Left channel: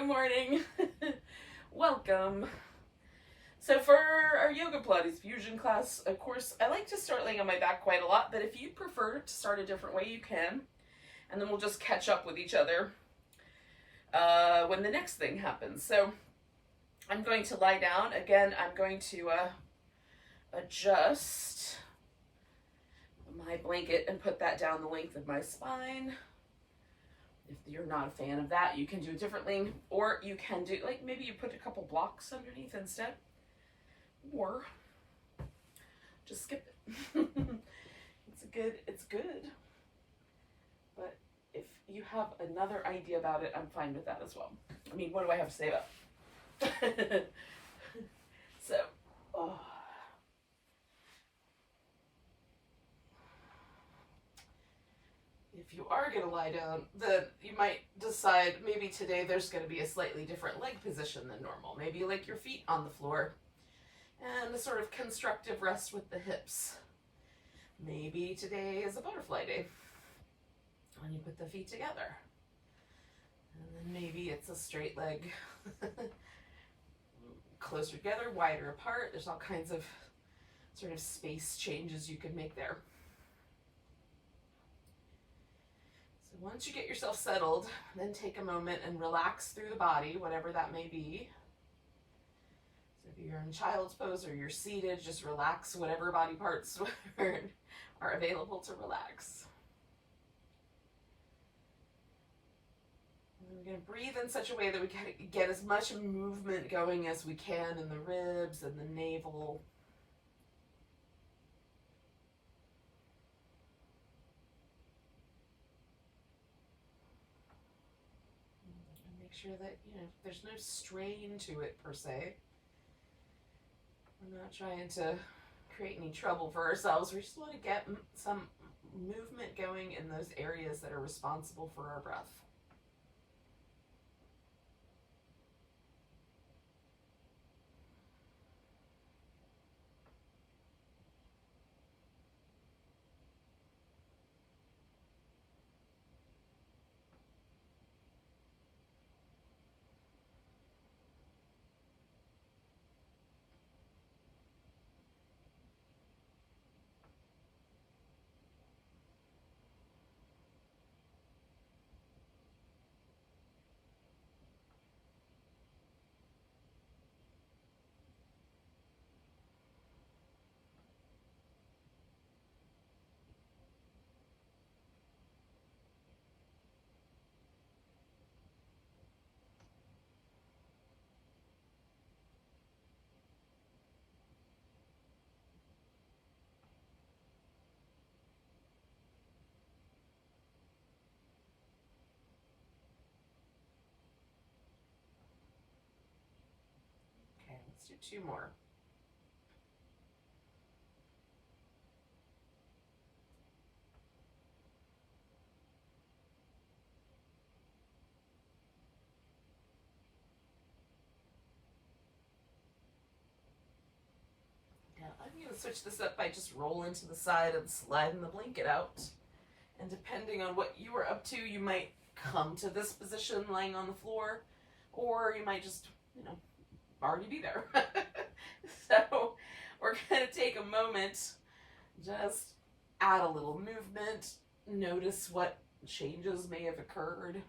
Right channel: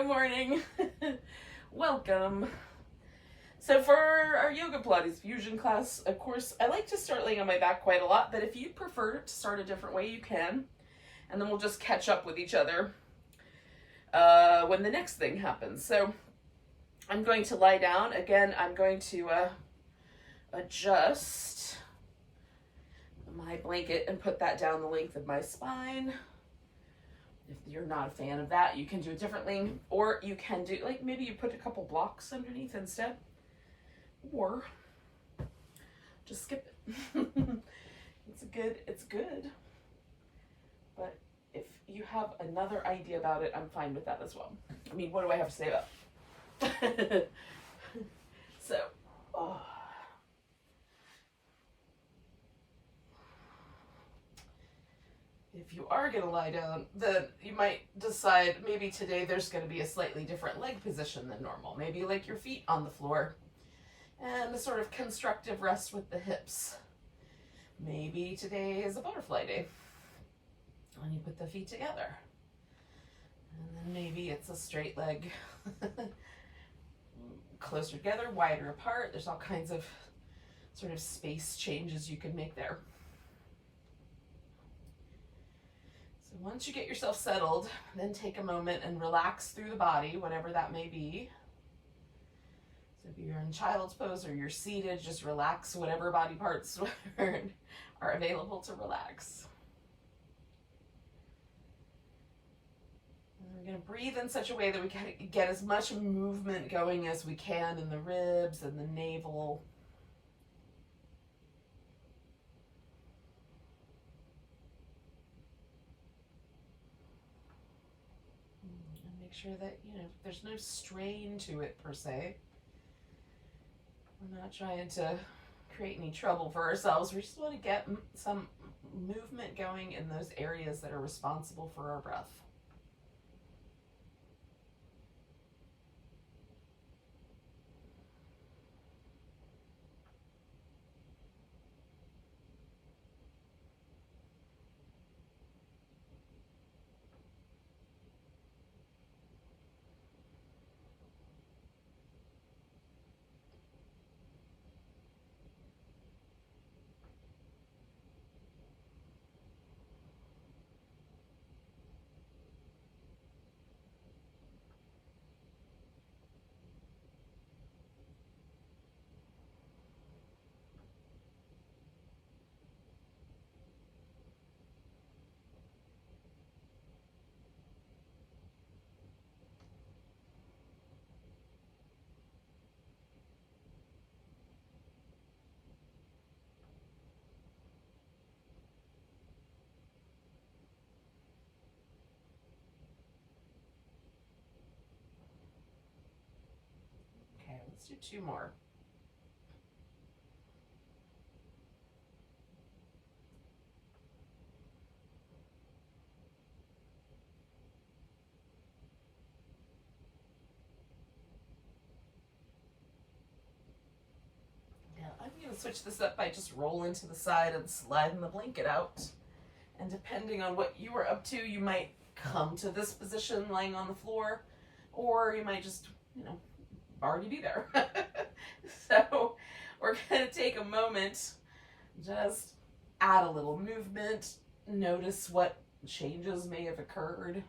Good morning. Welcome. So for our yoga Pilates fusion class, of course, I like to start laying on my back quite a lot, but if you prefer to start a different way, you can. And then we'll just catch up with each other when the next thing happens. So I'm going to lie down. Again, I'm going to adjust my blanket and put that down the length of my spine. If you're not a fan of that, you can do it differently, or you can do, like, maybe you put a couple blocks underneath instead, or just skip it. It's good. But if you have another idea about it, I'm fine with that as well. I mean, what do I have to say about it? So, if you are going to lie down, then you might decide maybe today there's going to be a slightly different leg position than normal. Maybe like your feet on the floor and a sort of constructive rest with the hips. Maybe today is a butterfly day when you put the feet together. And then maybe it's a straight leg, closer together, wider apart. There's all kinds of sort of space changes you can make there. So once you get yourself settled, then take a moment and relax through the body, whatever that may be. So if you're in child's pose or you're seated, just relax whatever body parts are available to relax. And we're going to breathe in such a way that we can get as much movement going as we can in the ribs and the navel. Sure that, there's no strain to it per se. We're not trying to create any trouble for ourselves. We just want to get some movement going in those areas that are responsible for our breath. Let's do two more. Now I'm going to switch this up by just rolling to the side and sliding the blanket out. And depending on what you are up to, you might come to this position laying on the floor, or you might just, already be there. So we're going to take a moment, just add a little movement, notice what changes may have occurred.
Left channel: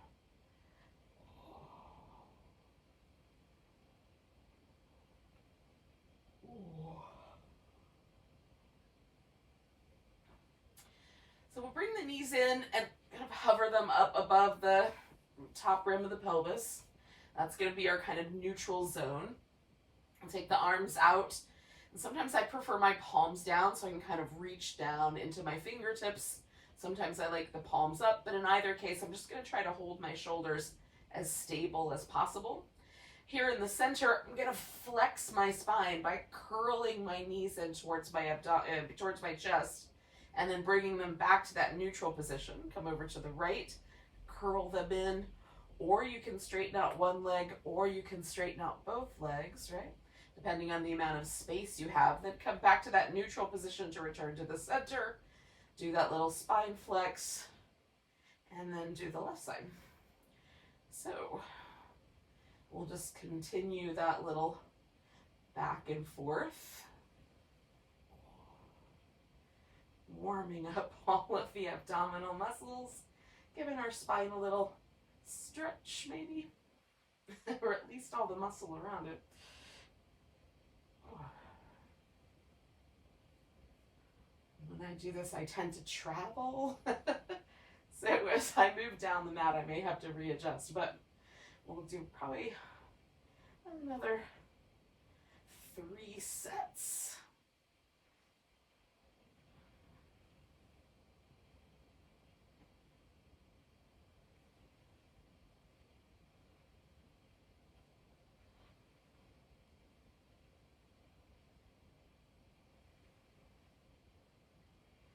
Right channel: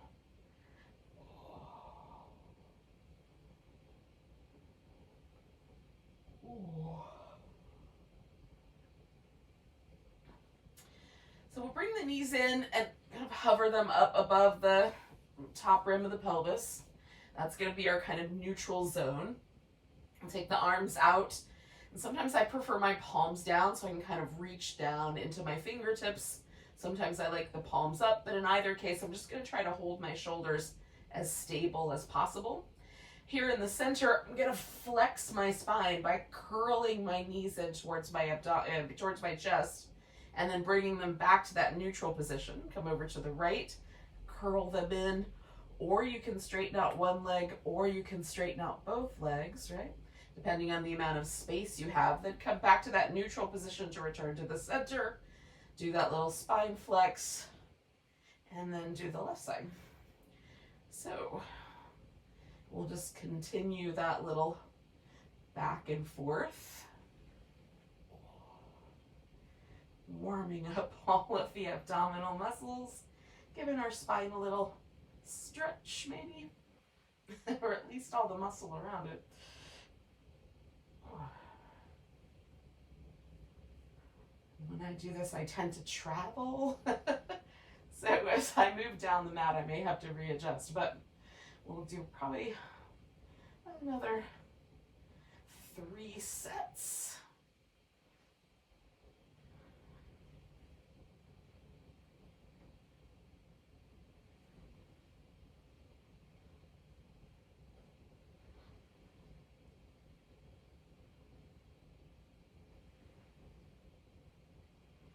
So we'll bring the knees in and kind of hover them up above the top rim of the pelvis. That's going to be our kind of neutral zone. I'll take the arms out, and sometimes I prefer my palms down so I can kind of reach down into my fingertips. Sometimes I like the palms up, but in either case, I'm just going to try to hold my shoulders as stable as possible. Here in the center, I'm going to flex my spine by curling my knees in towards my chest, and then bringing them back to that neutral position. Come over to the right, curl them in, or you can straighten out one leg, or you can straighten out both legs, right? Depending on the amount of space you have. Then come back to that neutral position to return to the center. Do that little spine flex, and then do the left side. So we'll just continue that little back and forth, warming up all of the abdominal muscles, giving our spine a little stretch maybe, or at least all the muscle around it. When I do this, I tend to travel. So as I move down the mat, I may have to readjust, but we'll do probably another 3 sets.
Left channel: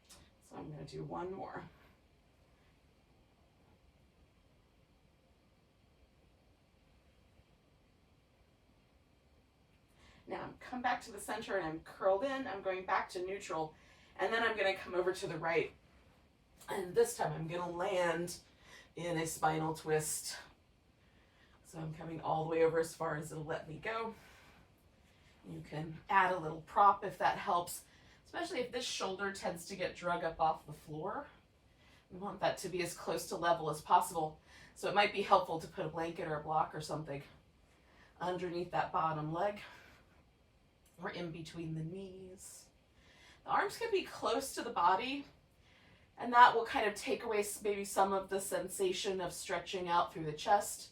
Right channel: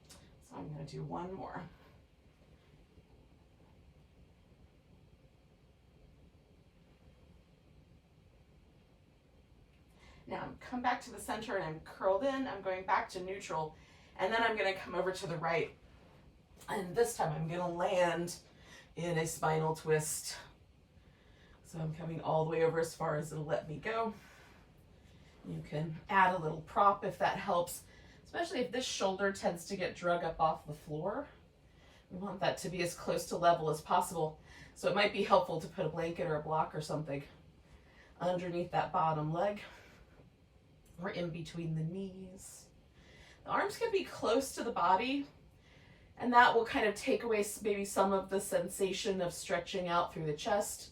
So I'm going to do one more. Now I'm come back to the center and I'm curled in. I'm going back to neutral, and then I'm going to come over to the right. And this time I'm going to land in a spinal twist. So I'm coming all the way over as far as it'll let me go. You can add a little prop if that helps, especially if this shoulder tends to get drug up off the floor. We want that to be as close to level as possible. So it might be helpful to put a blanket or a block or something underneath that bottom leg, or in between the knees. The arms can be close to the body, and that will kind of take away maybe some of the sensation of stretching out through the chest.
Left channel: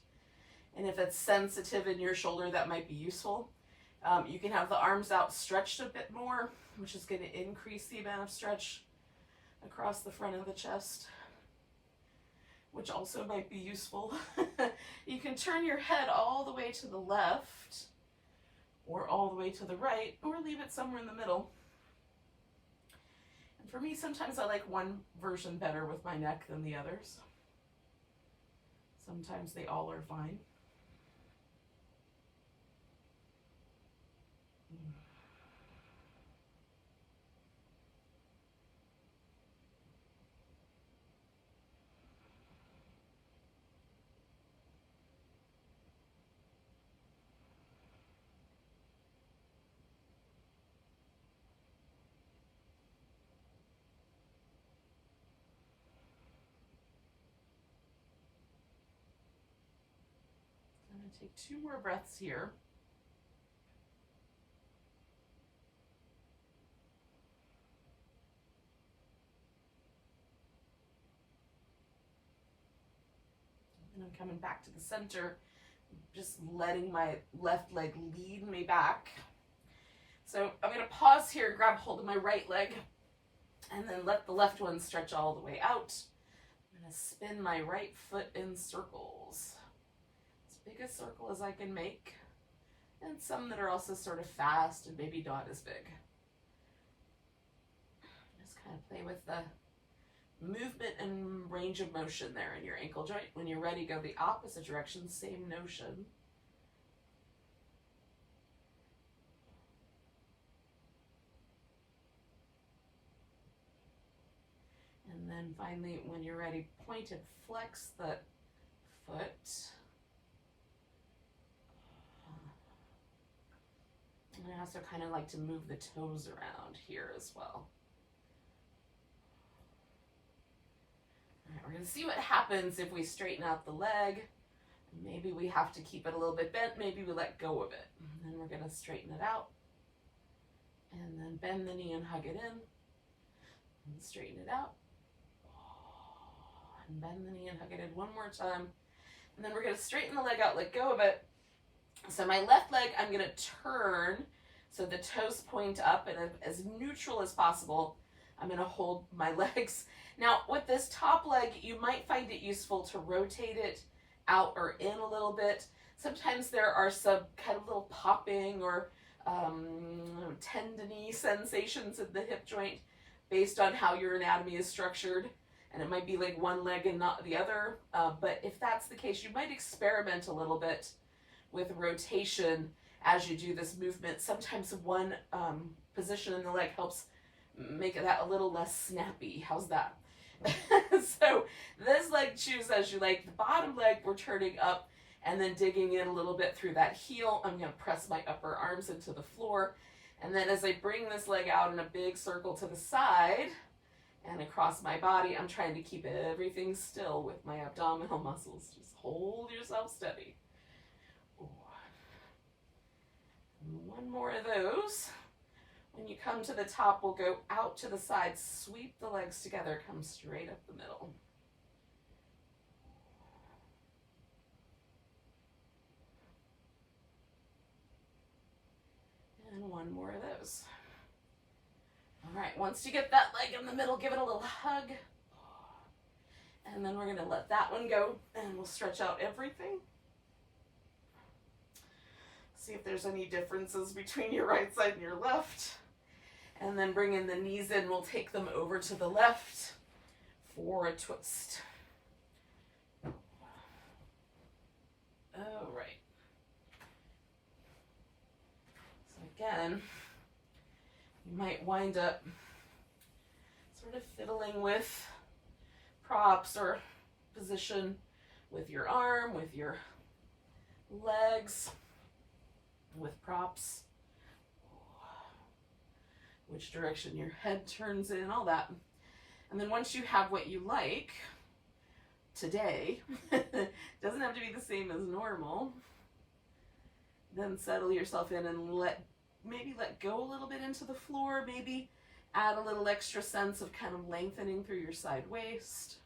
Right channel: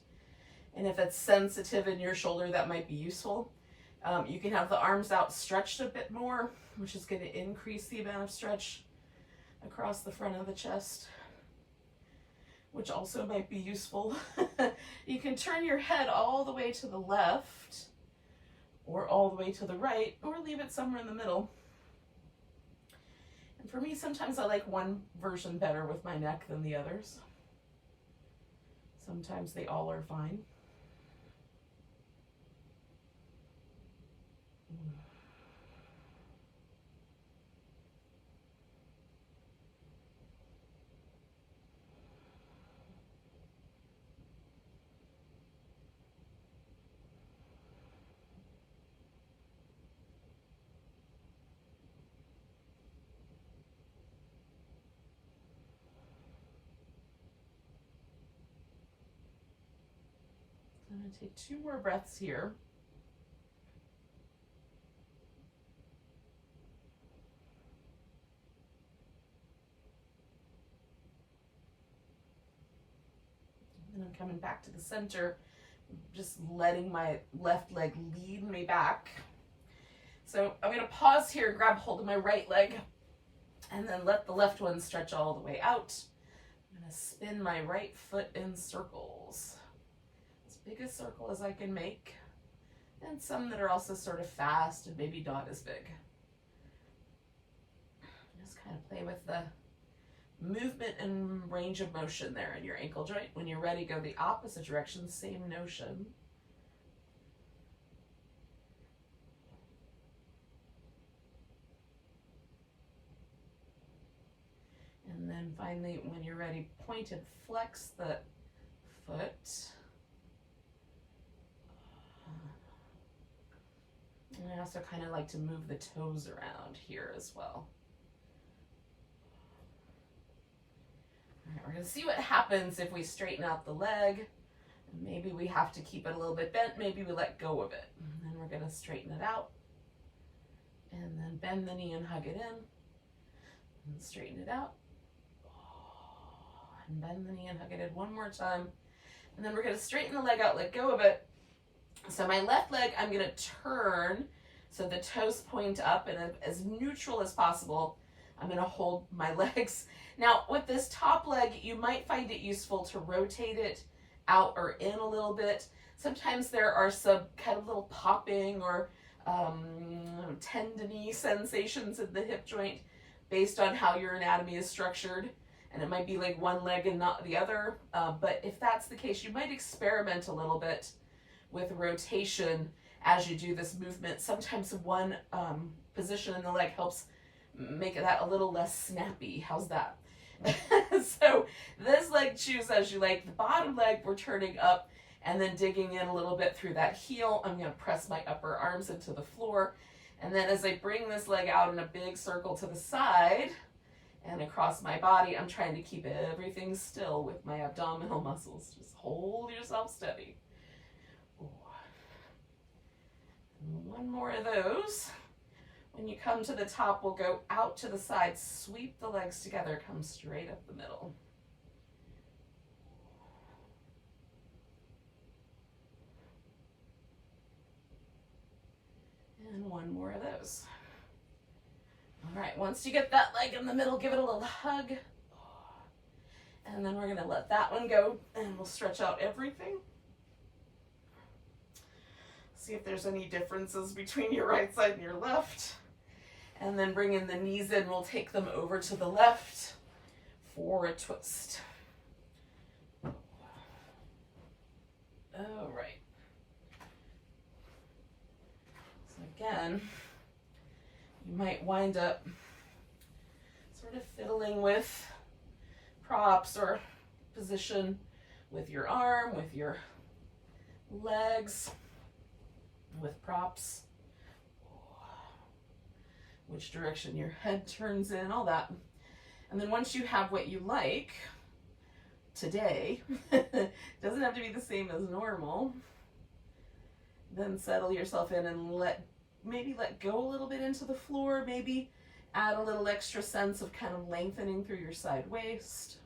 And if it's sensitive in your shoulder, that might be useful. You can have the arms out stretched a bit more, which is going to increase the amount of stretch across the front of the chest, which also might be useful. You can turn your head all the way to the left, or all the way to the right, or leave it somewhere in the middle. And for me, sometimes I like one version better with my neck than the others. Sometimes they all are fine. I'm going to take 2 more breaths here. And I'm coming back to the center, just letting my left leg lead me back. So I'm going to pause here and grab hold of my right leg, and then let the left one stretch all the way out. I'm going to spin my right foot in circles. Big a circle as I can make, and some that are also sort of fast and maybe not as big. Just kind of play with the movement and range of motion there in your ankle joint. When you're ready, go the opposite direction, same notion. And then finally, when you're ready, point and flex the foot. And I also kind of like to move the toes around here as well. All right, we're going to see what happens if we straighten out the leg. Maybe we have to keep it a little bit bent. Maybe we let go of it. And then we're going to straighten it out. And then bend the knee and hug it in. And straighten it out. And bend the knee and hug it in one more time. And then we're going to straighten the leg out, let go of it. So my left leg, I'm going to turn so the toes point up, and as neutral as possible, I'm going to hold my legs. Now, with this top leg, you might find it useful to rotate it out or in a little bit. Sometimes there are some kind of little popping or tendony sensations in the hip joint based on how your anatomy is structured. And it might be like one leg and not the other. But if that's the case, you might experiment a little bit with rotation as you do this movement. Sometimes one position in the leg helps make that a little less snappy. How's that? So this leg, choose as you like. The bottom leg, we're turning up, And then digging in a little bit through that heel, I'm going to press my upper arms into the floor. And then as I bring this leg out in a big circle to the side and across my body, I'm trying to keep everything still with my abdominal muscles. Just hold yourself steady. Ooh. And one more of those. When you come to the top, we'll go out to the side, sweep the legs together, come straight up the middle. And one more of those. All right, once you get that leg in the middle, give it a little hug. And then we're gonna let that one go and we'll stretch out everything. See if there's any differences between your right side and your left. And then bringing the knees in, we'll take them over to the left for a twist. All right. So again, you might wind up sort of fiddling with props or position with your arm, with your legs, with props, which direction your head turns in, all that. And then once you have what you like today, doesn't have to be the same as normal, then settle yourself in and maybe let go a little bit into the floor, maybe add a little extra sense of kind of lengthening through your side waist.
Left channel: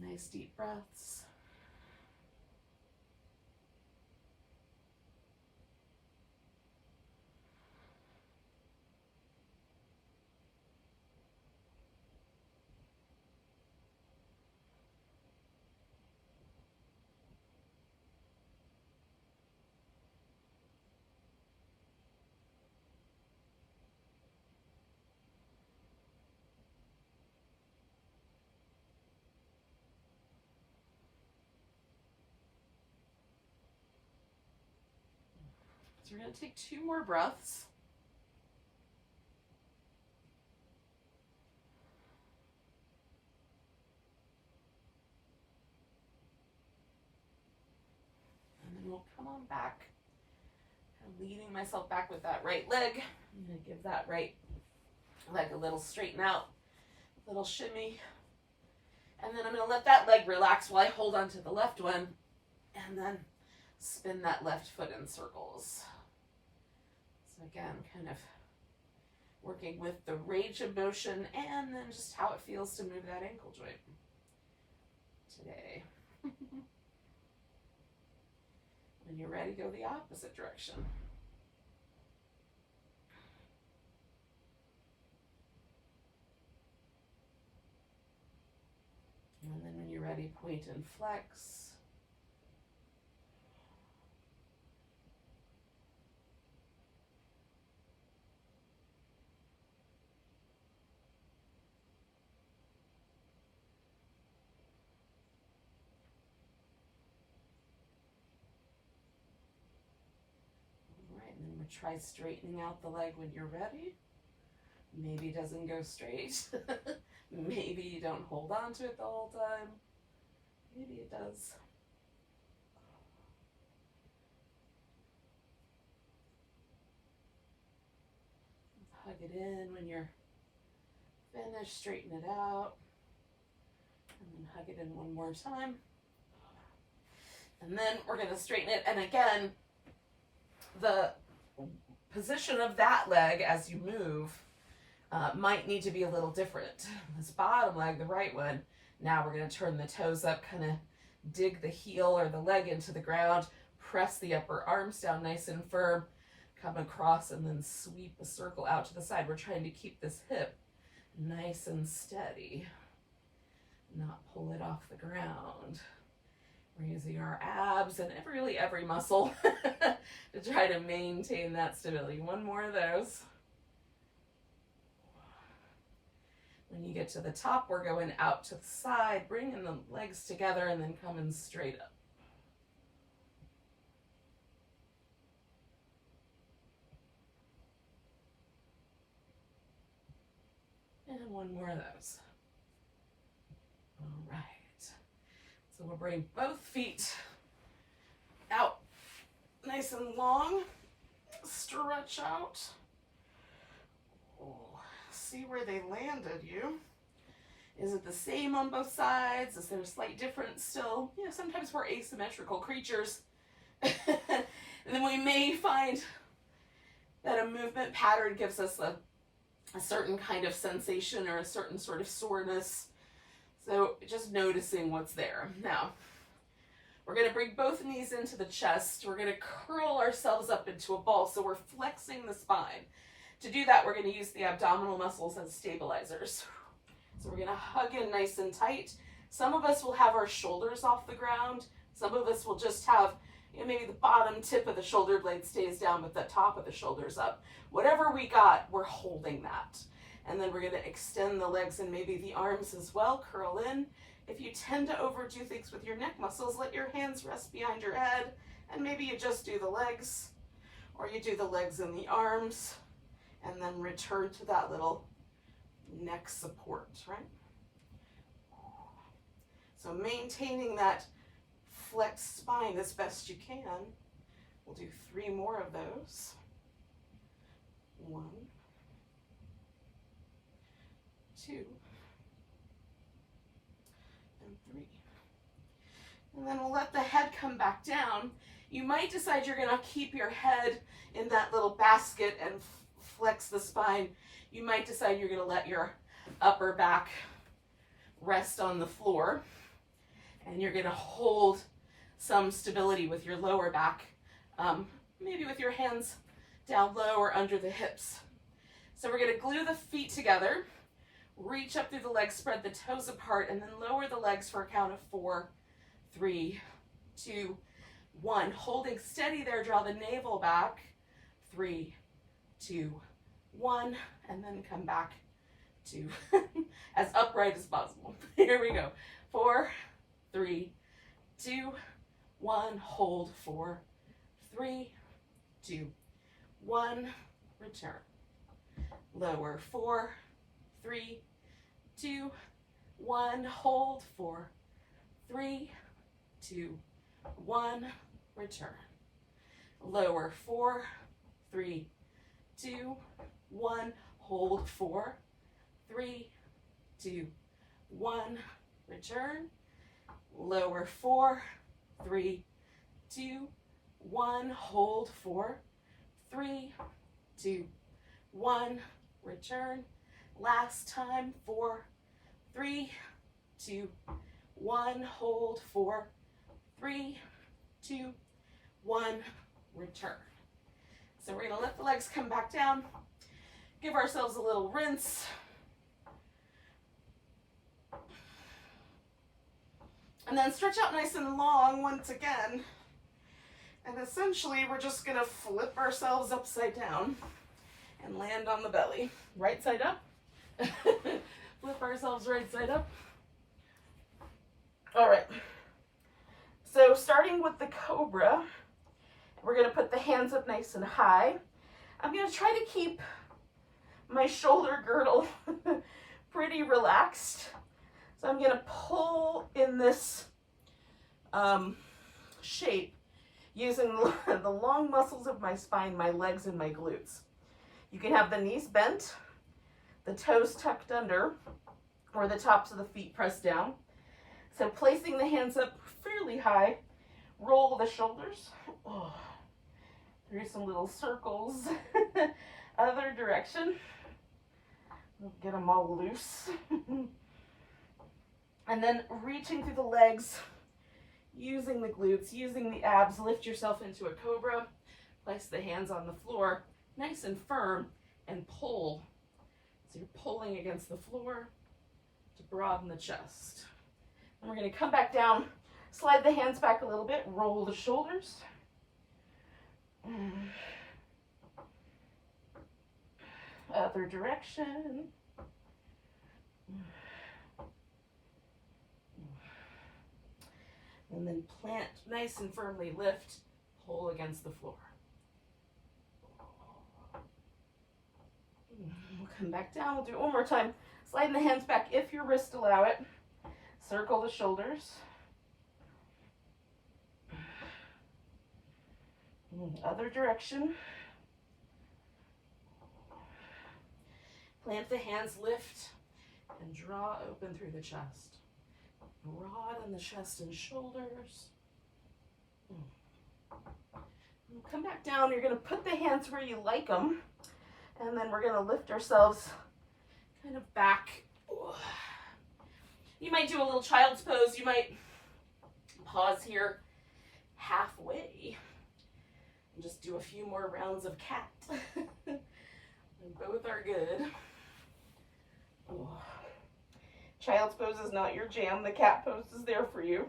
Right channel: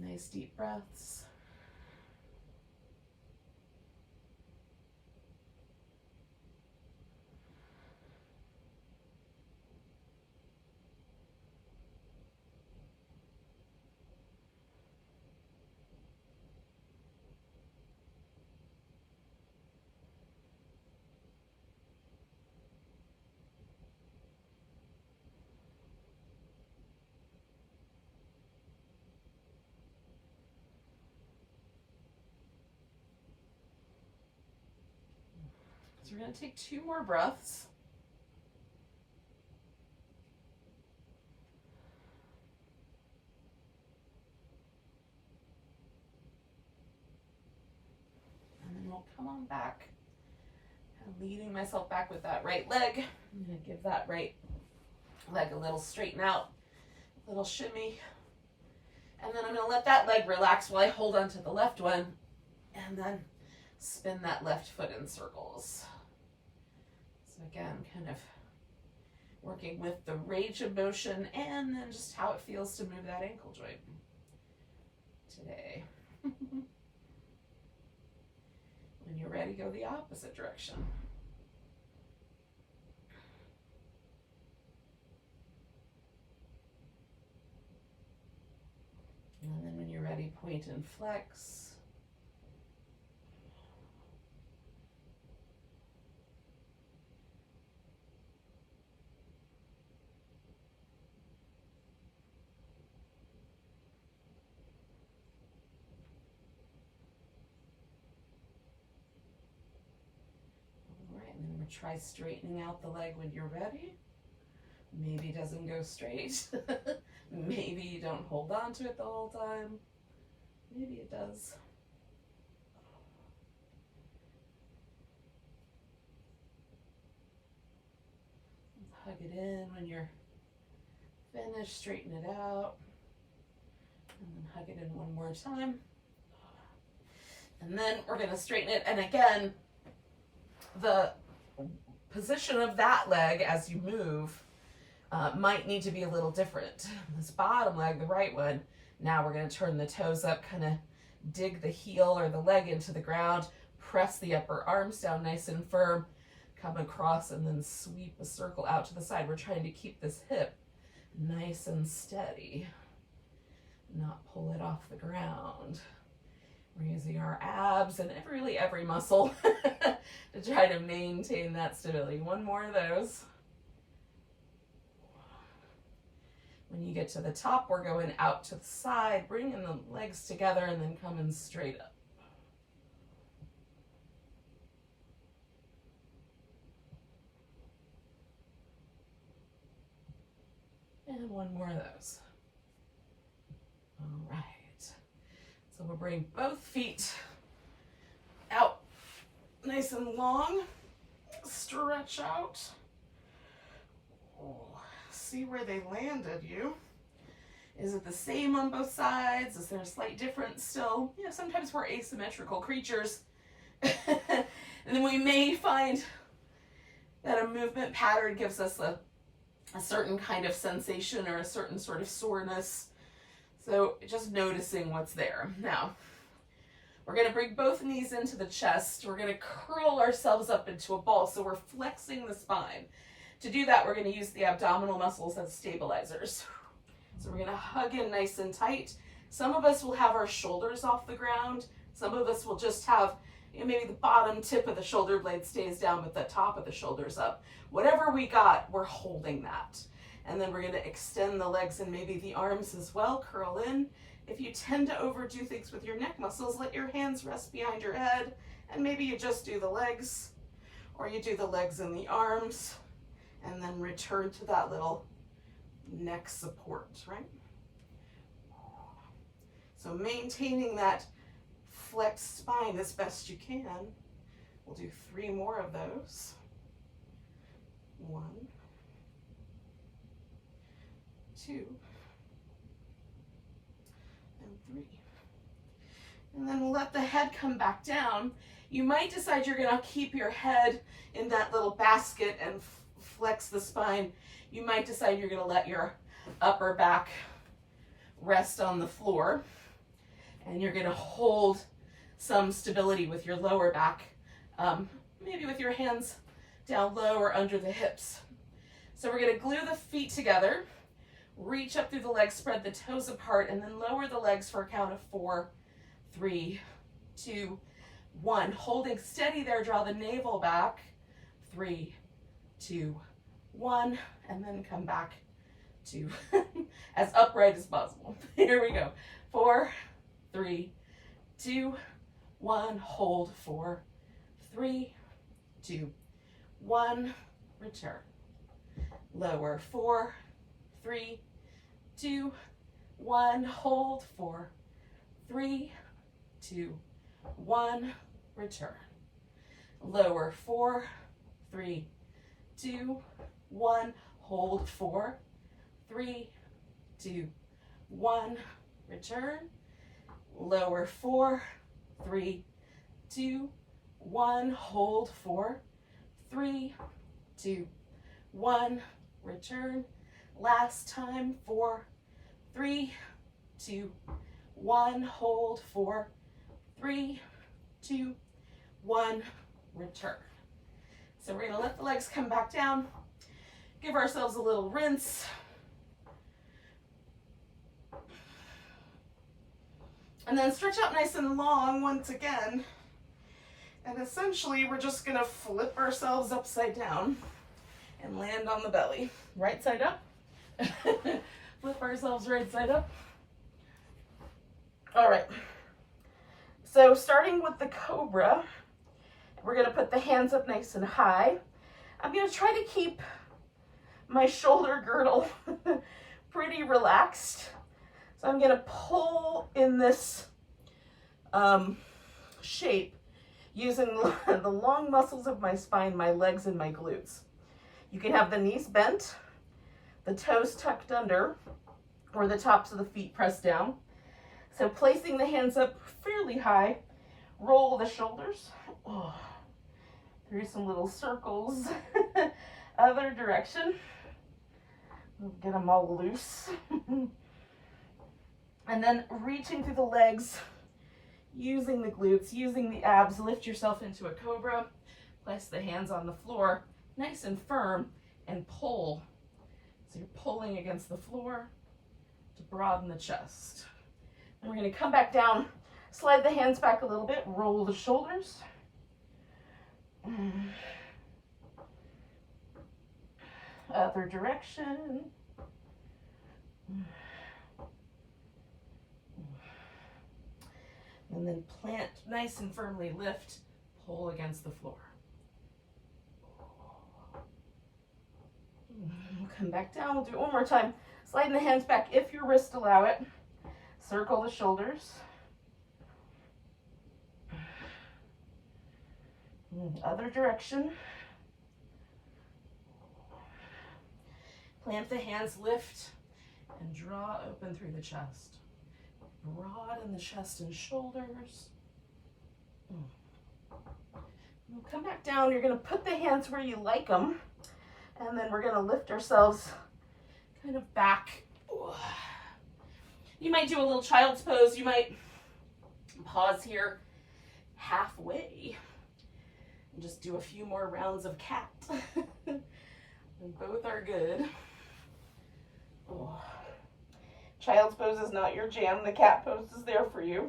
Nice deep breaths. So we're going to take 2 more breaths. And then we'll come on back, kind of leading myself back with that right leg. I'm going to give that right leg a little straighten out, a little shimmy. And then I'm going to let that leg relax while I hold on to the left one and then spin that left foot in circles. So again, kind of working with the range of motion and then just how it feels to move that ankle joint today. When you're ready, go the opposite direction. And then when you're ready, point and flex. All right, and then we'll try straightening out the leg when you're ready. Maybe it doesn't go straight. Maybe you don't hold on to it the whole time. Maybe it does. Hug it in when you're finished, straighten it out. And then hug it in one more time. And then we're going to straighten it. And again, the position of that leg as you move might need to be a little different. This bottom leg, the right one, now we're going to turn the toes up, kind of dig the heel or the leg into the ground, press the upper arms down nice and firm, come across and then sweep a circle out to the side. We're trying to keep this hip nice and steady, not pull it off the ground. We're using our abs and really every muscle to try to maintain that stability. One more of those. When you get to the top, we're going out to the side, bringing the legs together and then coming straight up. And one more of those. All right. So we'll bring both feet out nice and long. Stretch out. Oh, see where they landed you. Is it the same on both sides? Is there a slight difference still? You know, sometimes we're asymmetrical creatures. And then we may find that a movement pattern gives us a certain kind of sensation or a certain sort of soreness. So just noticing what's there. Now, we're going to bring both knees into the chest. We're going to curl ourselves up into a ball. So we're flexing the spine. To do that, we're going to use the abdominal muscles as stabilizers. So we're going to hug in nice and tight. Some of us will have our shoulders off the ground. Some of us will just have, you know, maybe the bottom tip of the shoulder blade stays down with the top of the shoulders up. Whatever we got, we're holding that. And then we're going to extend the legs and maybe the arms as well. Curl in. If you tend to overdo things with your neck muscles, let your hands rest behind your head. And maybe you just do the legs, or you do the legs and the arms, and then return to that little neck support, right? So maintaining that flexed spine as best you can. We'll do 3 more of those. 1, 2, and 3. And then we'll let the head come back down. You might decide you're going to keep your head in that little basket and flex the spine. You might decide you're going to let your upper back rest on the floor, and you're going to hold some stability with your lower back, maybe with your hands down low or under the hips. So we're going to glue the feet together, reach up through the legs, spread the toes apart, and then lower the legs for a count of 4, 3, 2, 1. Holding steady there, draw the navel back. 3, 2, 1, and then come back to as upright as possible. Here we go. 4, 3, 2, 1. Hold. 4, 3, 2, 1. Return. Lower. 4, 3, 2, 1. Hold. 4, 3, 2, 1. Return. Lower. 4, 3, 2, 1. Hold. 4, 3, 2, 1. Return. Lower. 4, 3, 2, 1. Hold. 4, 3, 2, 1. Return. Last time. 4, 3, 2, 1. Hold. 4, 3, 2, 1. Return. So we're going to let the legs come back down. Give ourselves a little rinse. And then stretch out nice and long once again. And essentially we're just going to flip ourselves upside down and land on the belly. Right side up. Flip ourselves right side up. All right. So starting with the Cobra, we're going to put the hands up nice and high. I'm going to try to keep my shoulder girdle pretty relaxed. So I'm going to pull in this shape using the long muscles of my spine, my legs, and my glutes. You can have the knees bent, the toes tucked under, or the tops of the feet pressed down. So placing the hands up fairly high, roll the shoulders through some little circles, other direction. Get them all loose. And then reaching through the legs, using the glutes, using the abs, lift yourself into a Cobra, place the hands on the floor, nice and firm, and pull. So you're pulling against the floor to broaden the chest. And we're going to come back down, slide the hands back a little bit, roll the shoulders. Other direction. And then plant, nice and firmly lift, pull against the floor. We'll come back down. We'll do it one more time. Sliding the hands back if your wrists allow it. Circle the shoulders. Other direction. Plant the hands, lift, and draw open through the chest. Broaden the chest and shoulders. We'll come back down. You're going to put the hands where you like them. And then we're going to lift ourselves kind of back. You might do a little child's pose. You might pause here halfway and just do a few more rounds of cat. And both are good. Child's pose is not your jam. The cat pose is there for you.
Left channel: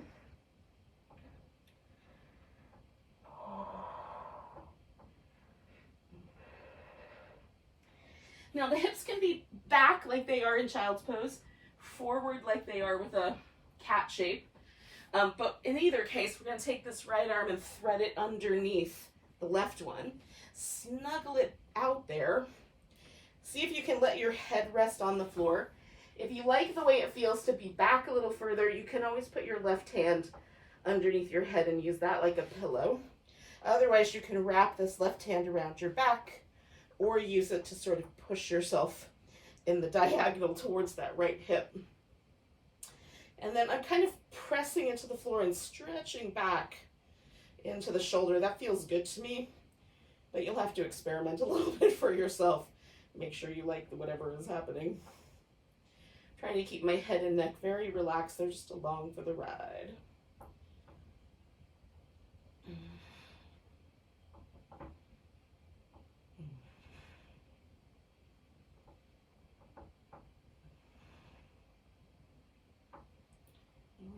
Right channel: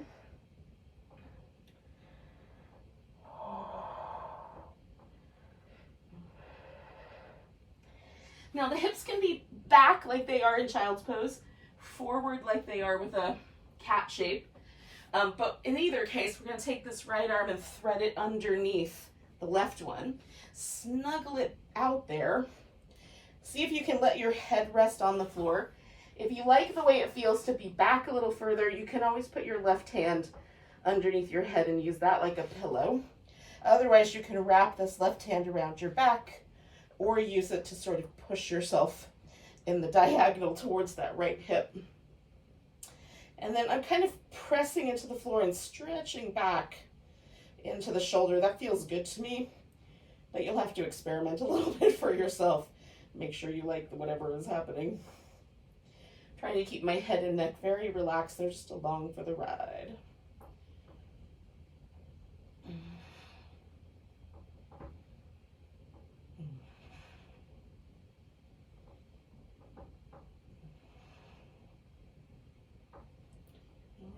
Now the hips can be back like they are in child's pose, forward like they are with a cat shape. But in either case, we're going to take this right arm and thread it underneath the left one. Snuggle it out there. See if you can let your head rest on the floor. If you like the way it feels to be back a little further, you can always put your left hand underneath your head and use that like a pillow. Otherwise, you can wrap this left hand around your back or use it to sort of push yourself in the diagonal towards that right hip. And then I'm kind of pressing into the floor and stretching back into the shoulder. That feels good to me, but you'll have to experiment a little bit for yourself. Make sure you like whatever is happening. Trying to keep my head and neck very relaxed. They're just along for the ride.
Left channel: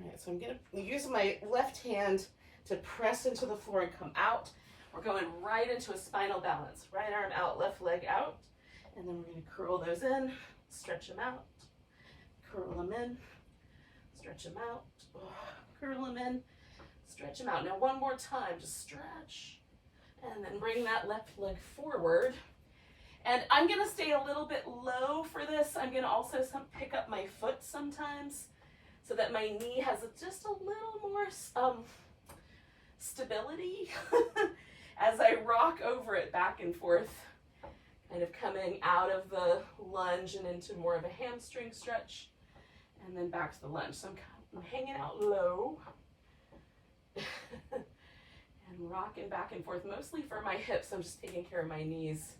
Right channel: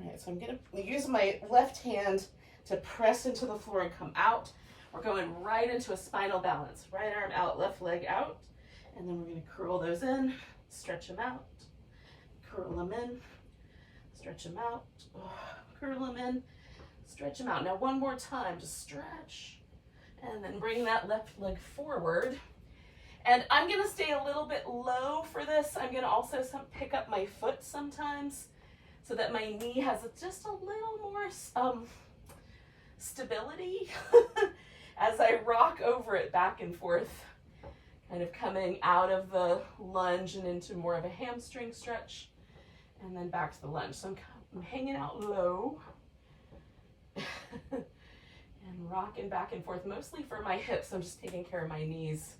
All right, so I'm going to use my left hand to press into the floor and come out. We're going right into a spinal balance. Right arm out, left leg out. And then we're going to curl those in, stretch them out, curl them in, stretch them out, curl them in, stretch them out. Now one more time, just stretch, and then bring that left leg forward. And I'm going to stay a little bit low for this. I'm going to also pick up my foot sometimes so that my knee has just a little more stability as I rock over it back and forth. Kind of coming out of the lunge and into more of a hamstring stretch, and then back to the lunge. So I'm hanging out low and rocking back and forth, mostly for my hips. I'm just taking care of my knees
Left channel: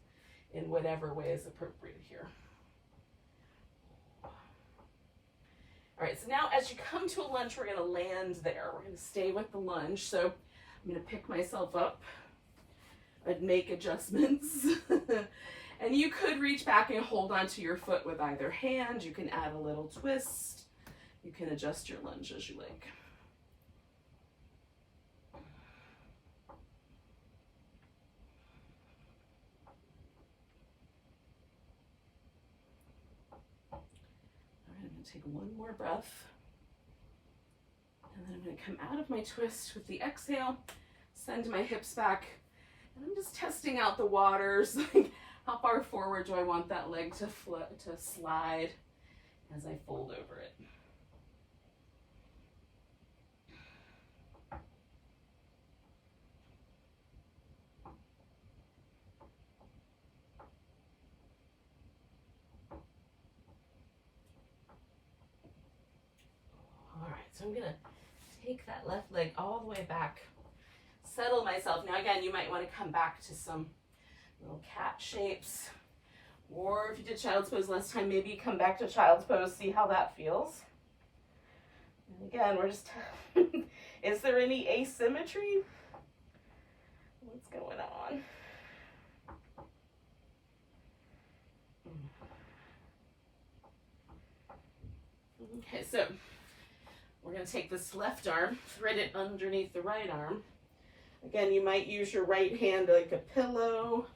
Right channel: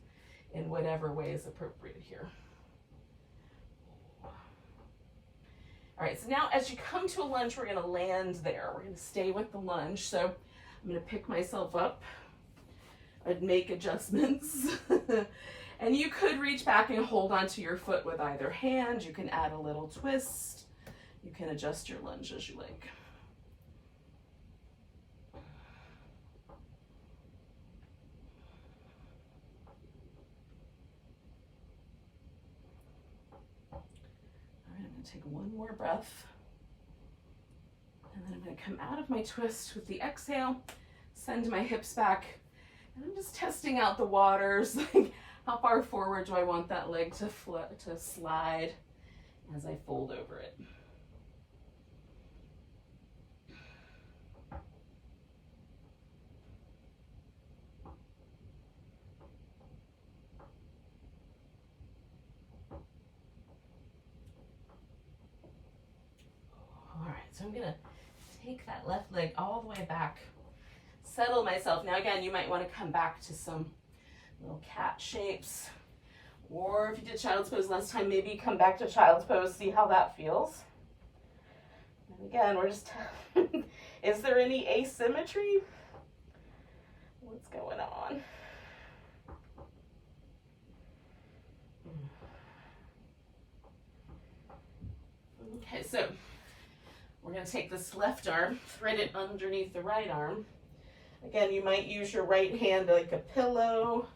in whatever way is appropriate here. All right, so now as you come to a lunge, we're going to land there. We're going to stay with the lunge. So I'm going to pick myself up. I'd make adjustments. And you could reach back and hold onto your foot with either hand. You can add a little twist. You can adjust your lunge as you like. All right, I'm going to take one more breath. And then I'm going to come out of my twist with the exhale, send my hips back. And I'm just testing out the waters. Like, how far forward do I want that leg to slide as I fold over it? All right, so I'm gonna take that left leg all the way back, settle myself. Now again, you might want to come back to some little cat shapes, or if you did child's pose last time, maybe come back to child's pose, see how that feels. And again, we're just is there any asymmetry? What's going on? Okay, so we're going to take this left arm, thread it underneath the right arm. Again, you might use your right hand like a pillow.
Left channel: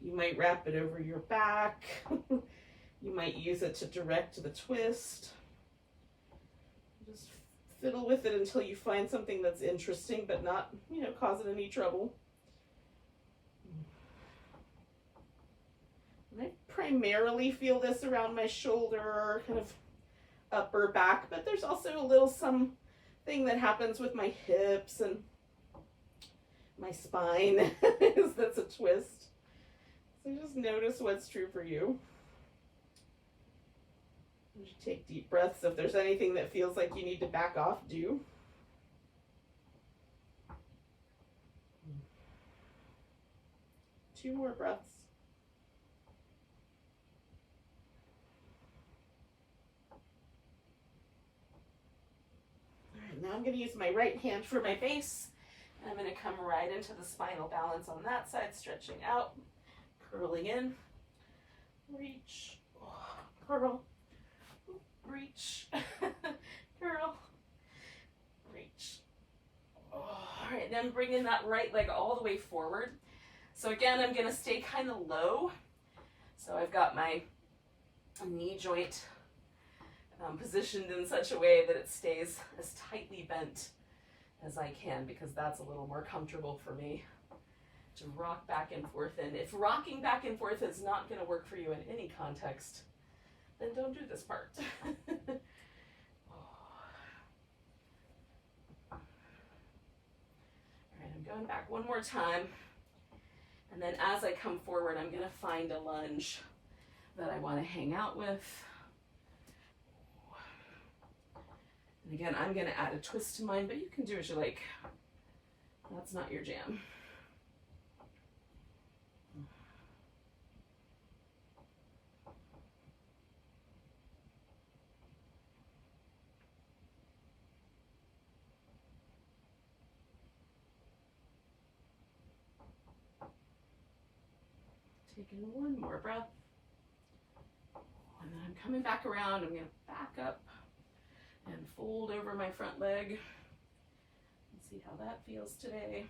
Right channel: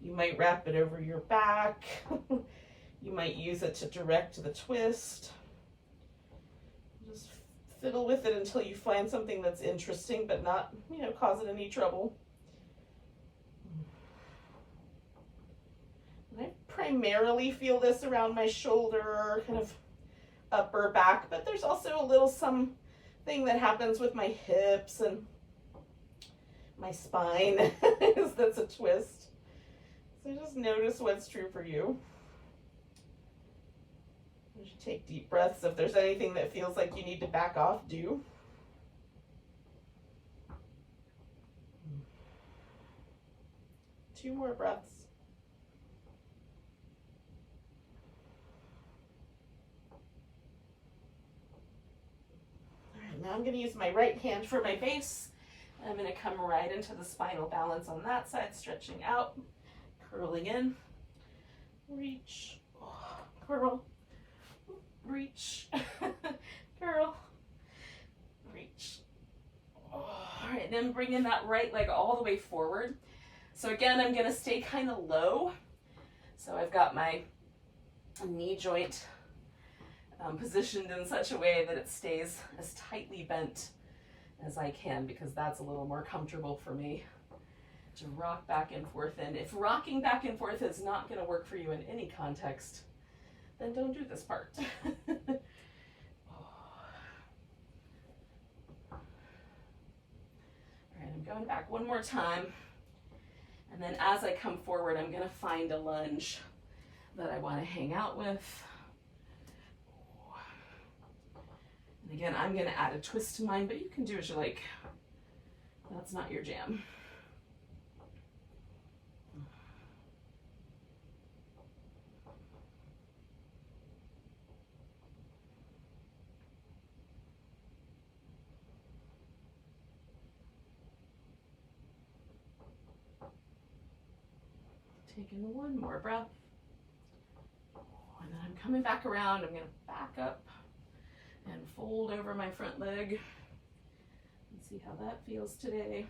You might wrap it over your back. You might use it to direct the twist. Just fiddle with it until you find something that's interesting but not, causing any trouble. Right. primarily feel this around my shoulder or kind of upper back, but there's also a little something that happens with my hips and my spine. That's a twist. So just notice what's true for you. You should take deep breaths. If there's anything that feels like you need to back off, do. Two more breaths. All right, now I'm going to use my right hand for my base. I'm going to come right into the spinal balance on that side, stretching out, curling in, reach, curl, reach, curl, reach. All right, then bringing that right leg all the way forward. So again, I'm going to stay kind of low. So I've got my knee joint positioned in such a way that it stays as tightly bent as I can, because that's a little more comfortable for me to rock back and forth in. If rocking back and forth is not going to work for you in any context, then don't do this part. All right, I'm going back one more time. And then as I come forward, I'm going to find a lunge that I want to hang out with. And again, I'm going to add a twist to mine, but you can do as you like. That's not your jam. Taking one more breath. And then I'm coming back around. I'm going to back up and fold over my front leg and see how that feels today.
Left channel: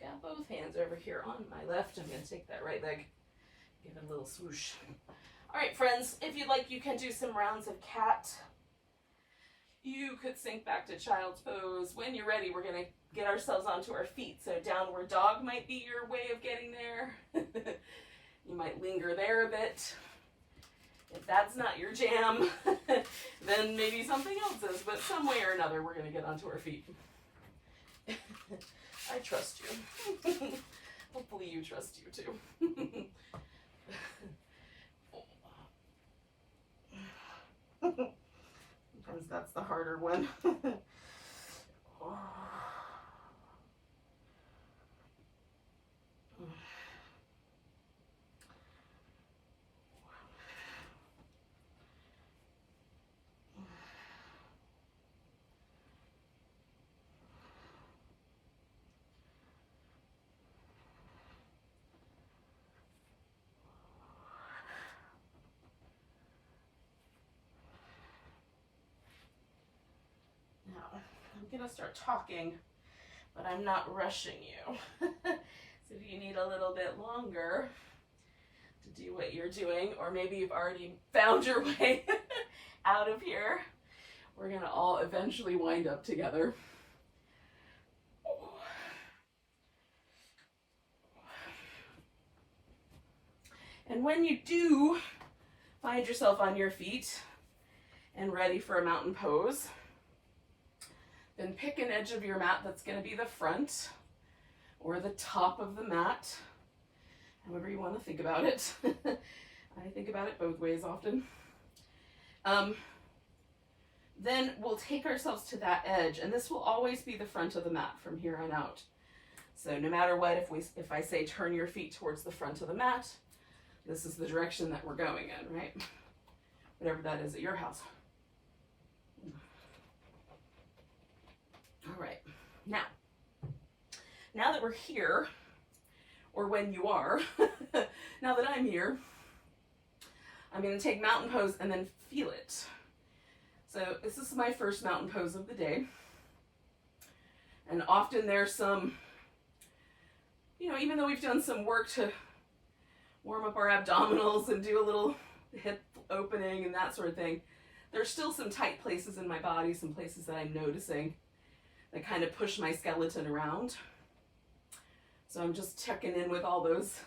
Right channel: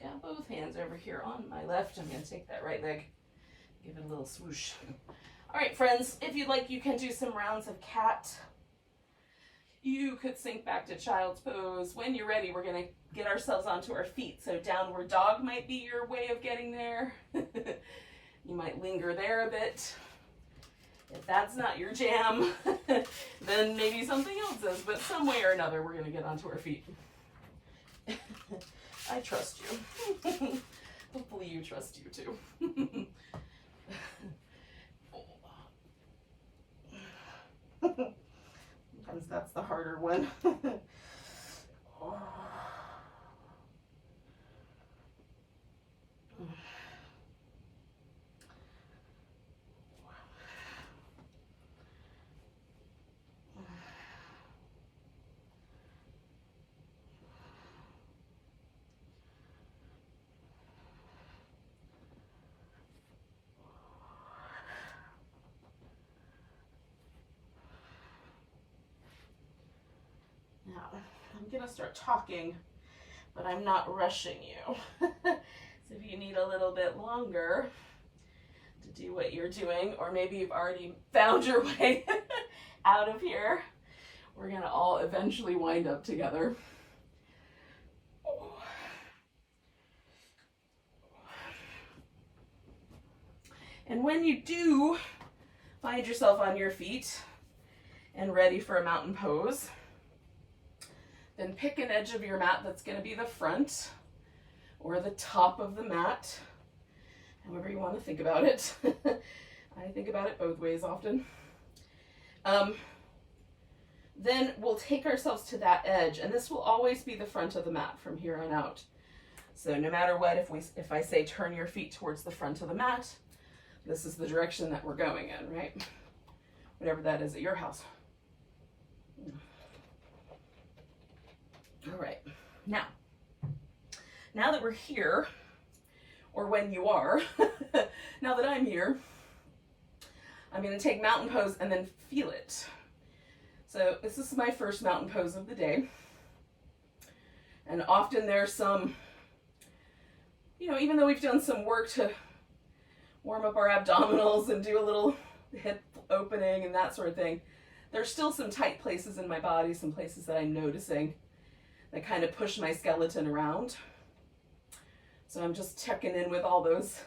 I've got both hands over here on my left. I'm going to take that right leg, give it a little swoosh. All right, friends, if you'd like, you can do some rounds of cat. You could sink back to child's pose. When you're ready, we're going to get ourselves onto our feet. So downward dog might be your way of getting there. You might linger there a bit. If that's not your jam, then maybe something else is. But some way or another, we're going to get onto our feet. I trust you. Hopefully you trust you too. Sometimes that's the harder one. Now, I'm going to start talking, but I'm not rushing you. So if you need a little bit longer to do what you're doing, or maybe you've already found your way out of here, we're going to all eventually wind up together. And when you do find yourself on your feet and ready for a mountain pose, then pick an edge of your mat that's going to be the front or the top of the mat, however you want to think about it. I think about it both ways often. Then we'll take ourselves to that edge, and this will always be the front of the mat from here on out. So no matter what, if I say turn your feet towards the front of the mat, this is the direction that we're going in, right? Whatever that is at your house. All right, now that we're here, or when you are, now that I'm here, I'm going to take mountain pose and then feel it. So this is my first mountain pose of the day. And often there's some you know, even though we've done some work to warm up our abdominals and do a little hip opening and that sort of thing, there's still some tight places in my body, some places that I'm noticing that kind of push my skeleton around. So I'm just checking in with all those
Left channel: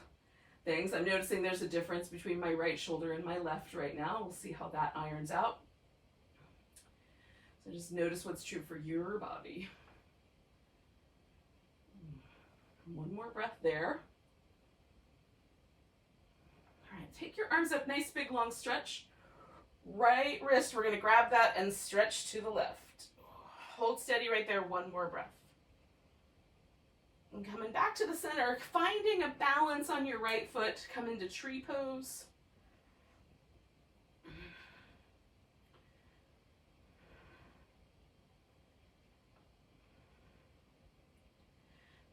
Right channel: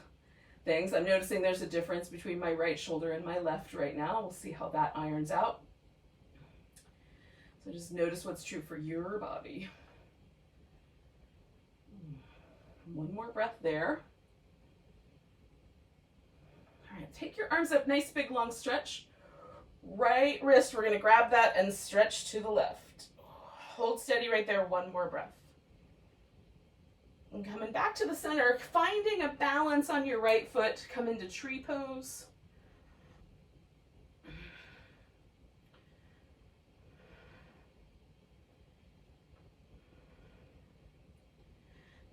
things. I'm noticing there's a difference between my right shoulder and my left right now. We'll see how that irons out. So just notice what's true for your body. One more breath there. All right, take your arms up, nice big long stretch. Right wrist, we're gonna grab that and stretch to the left. Hold steady right there, one more breath. And coming back to the center, finding a balance on your right foot, come into tree pose.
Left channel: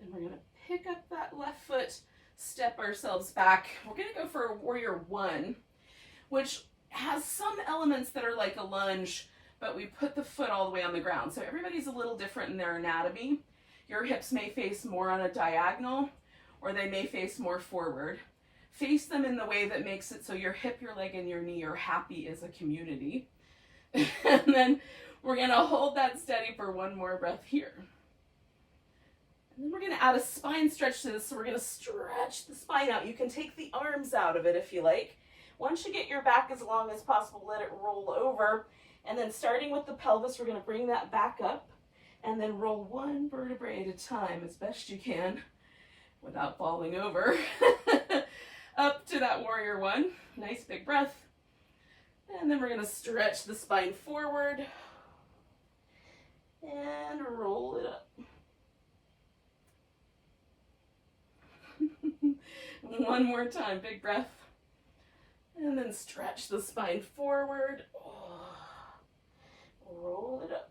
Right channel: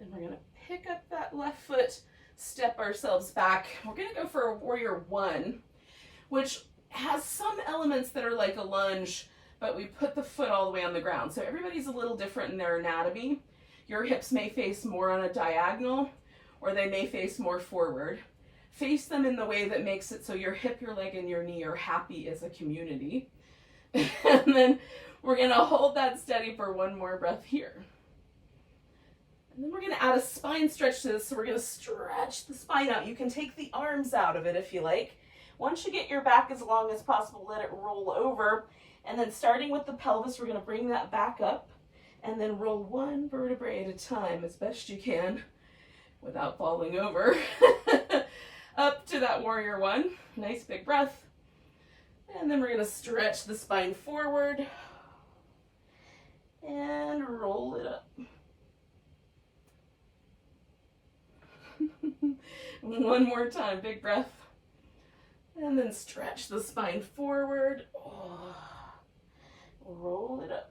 And we're gonna pick up that left foot, step ourselves back. We're gonna go for a warrior one, which has some elements that are like a lunge, but we put the foot all the way on the ground. So everybody's a little different in their anatomy. Your hips may face more on a diagonal, or they may face more forward. Face them in the way that makes it so your hip, your leg, and your knee are happy as a community. And then we're gonna hold that steady for one more breath here. And then we're gonna add a spine stretch to this, so we're gonna stretch the spine out. You can take the arms out of it if you like. Once you get your back as long as possible, let it roll over. And then starting with the pelvis, we're gonna bring that back up and then roll one vertebrae at a time as best you can without falling over. Up to that warrior one. Nice big breath. And then we're gonna stretch the spine forward and roll it up. One more time, big breath. And then stretch the spine forward. Oh. Roll it up.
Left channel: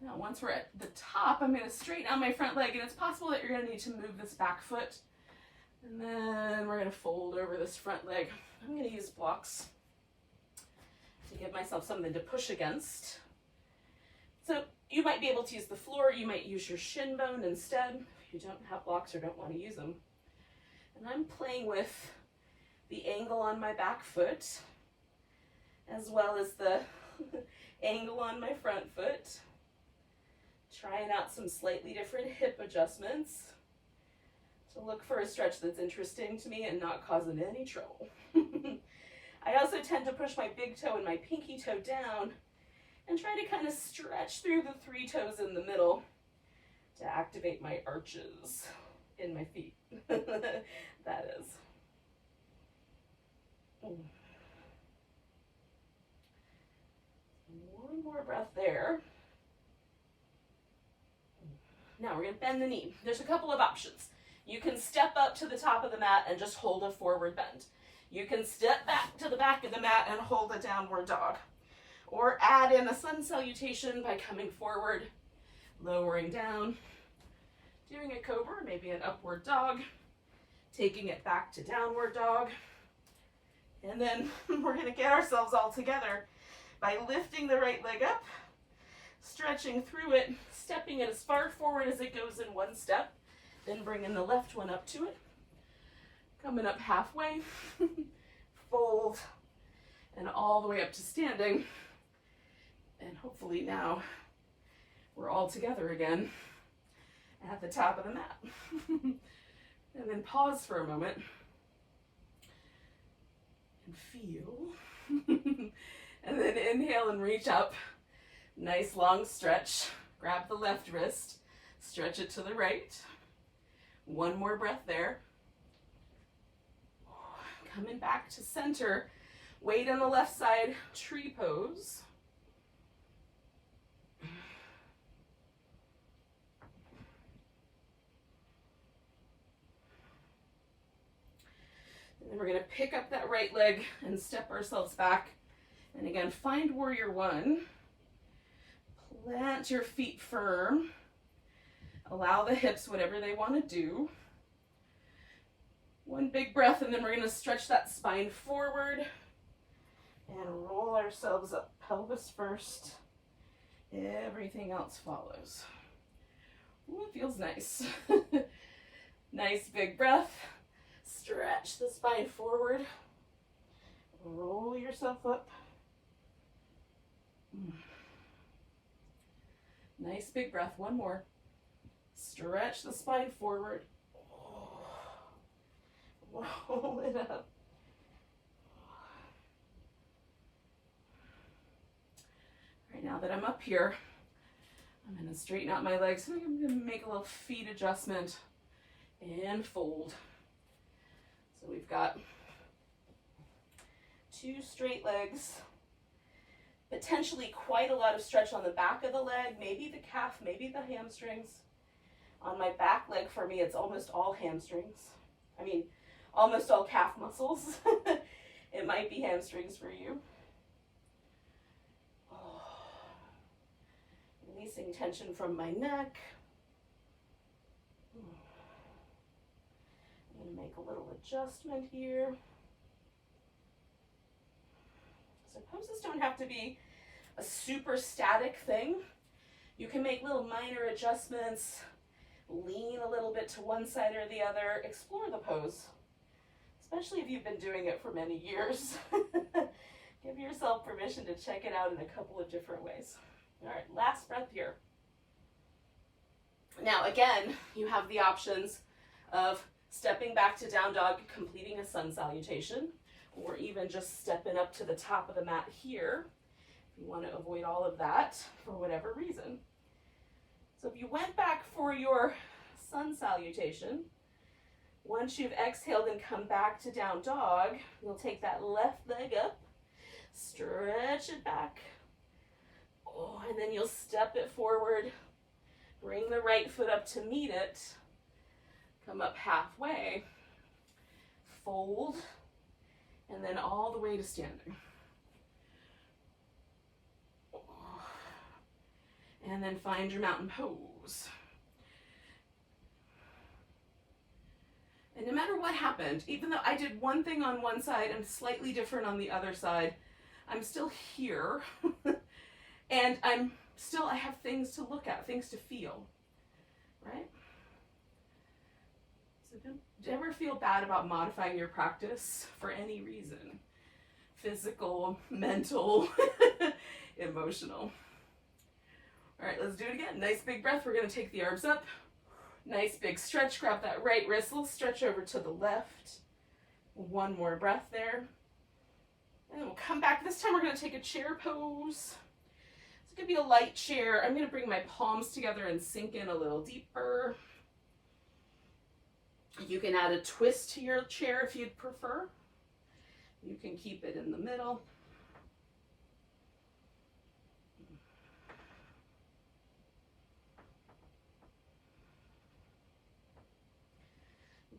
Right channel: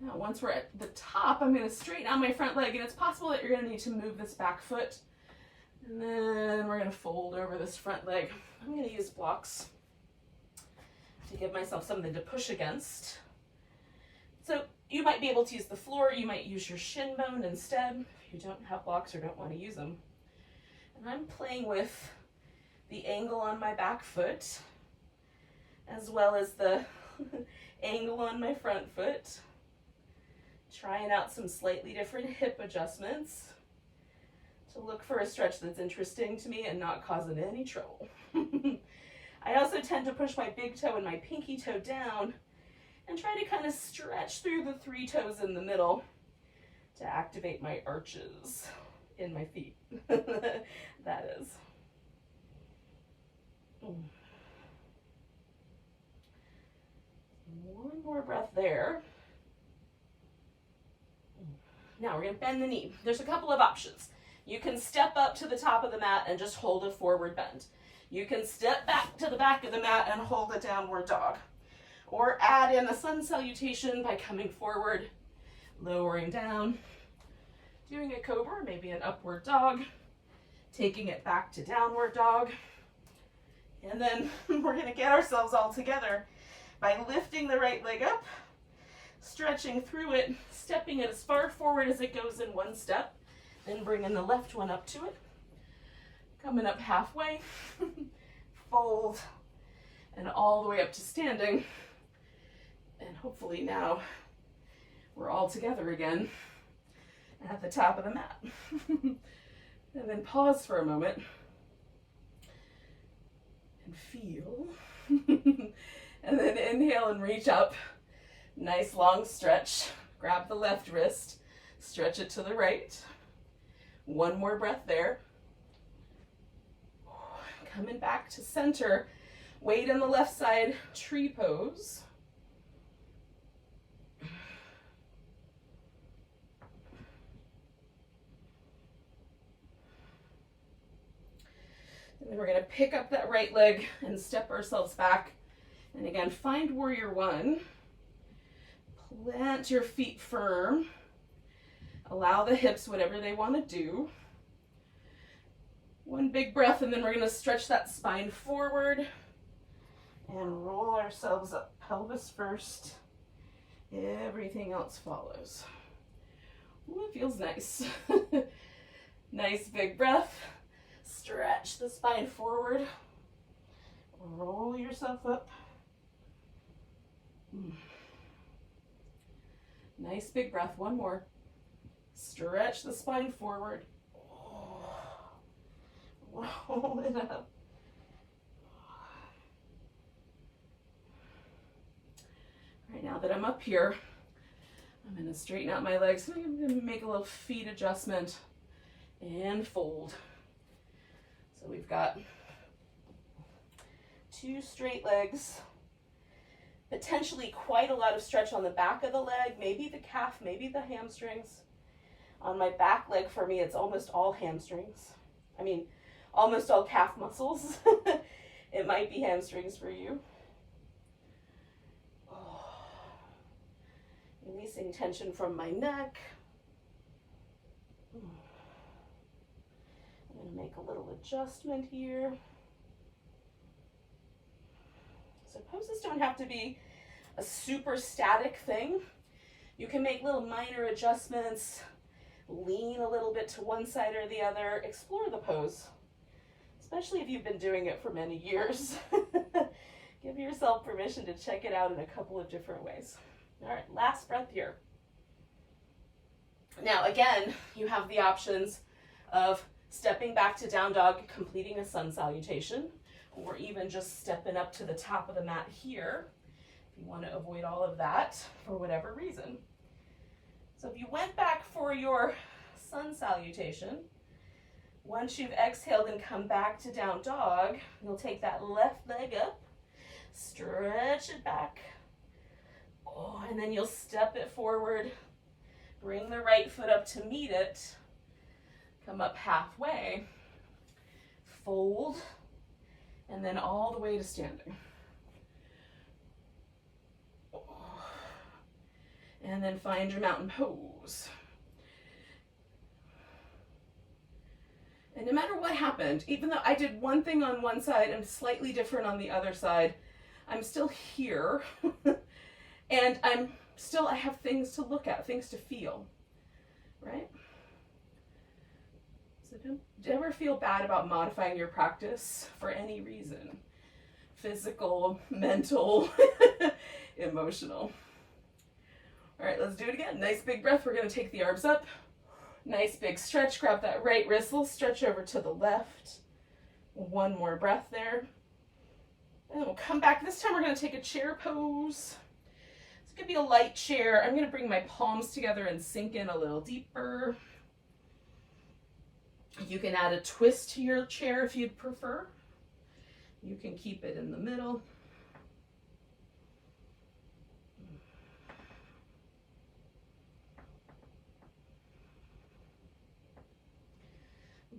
Now, once we're at the top, I'm going to straighten out my front leg, and it's possible that you're going to need to move this back foot. And then we're going to fold over this front leg. I'm going to use blocks to give myself something to push against. So you might be able to use the floor. You might use your shin bone instead if you don't have blocks or don't want to use them. And I'm playing with the angle on my back foot as well as the angle on my front foot. Trying out some slightly different hip adjustments to look for a stretch that's interesting to me and not causing any trouble. I also tend to push my big toe and my pinky toe down and try to kind of stretch through the three toes in the middle to activate my arches in my feet. That is. One more breath there. Now we're going to bend the knee. There's a couple of options. You can step up to the top of the mat and just hold a forward bend. You can step back to the back of the mat and hold a downward dog. Or add in a sun salutation by coming forward, lowering down, doing a cobra, maybe an upward dog, taking it back to downward dog. And then we're going to get ourselves all together by lifting the right leg up, stretching through it, stepping it as far forward as it goes in one step, then bringing the left one up to it, coming up halfway, fold, and all the way up to standing. And hopefully now we're all together again at the top of the mat. And then pause for a moment and feel. And then inhale and reach up. Nice long stretch. Grab the left wrist, stretch it to the right. One more breath there. Coming back to center. Weight on the left side, tree pose. And then we're going to pick up that right leg and step ourselves back. And again, find warrior one. Plant your feet firm. Allow the hips whatever they want to do. One big breath, and then we're going to stretch that spine forward and roll ourselves up. Pelvis first. Everything else follows. feels nice. Nice big breath. Stretch the spine forward. Roll yourself up. Nice big breath. One more. Stretch the spine forward. Roll it up. All right, now that I'm up here, I'm going to straighten out my legs. I'm going to make a little feet adjustment and fold. So we've got 2 straight legs, potentially quite a lot of stretch on the back of the leg, maybe the calf, maybe the hamstrings. On my back leg, for me, it's almost all hamstrings. I mean, almost all calf muscles. It might be hamstrings for you. Releasing tension from my neck. I'm going to make a little adjustment here. So poses don't have to be a super static thing. You can make little minor adjustments, lean a little bit to one side or the other, explore the pose, especially if you've been doing it for many years. Give yourself permission to check it out in a couple of different ways. All right, last breath here. Now again, you have the options of stepping back to down dog, completing a sun salutation, or even just stepping up to the top of the mat here, if you want to avoid all of that for whatever reason. So if you went back for your sun salutation, once you've exhaled and come back to down dog, you'll take that left leg up, stretch it back, and then you'll step it forward, bring the right foot up to meet it, come up halfway, fold, and then all the way to standing. And then find your mountain pose. And no matter what happened, even though I did one thing on one side and slightly different on the other side, I'm still here. And I have things to look at, things to feel, right? So don't ever feel bad about modifying your practice for any reason. Physical, mental, emotional. All right, let's do it again. Nice big breath. We're going to take the arms up. Nice big stretch. Grab that right wrist. We'll stretch over to the left. One more breath there. And we'll come back. This time we're going to take a chair pose. It could be a light chair. I'm going to bring my palms together and sink in a little deeper. You can add a twist to your chair if you'd prefer. You can keep it in the middle.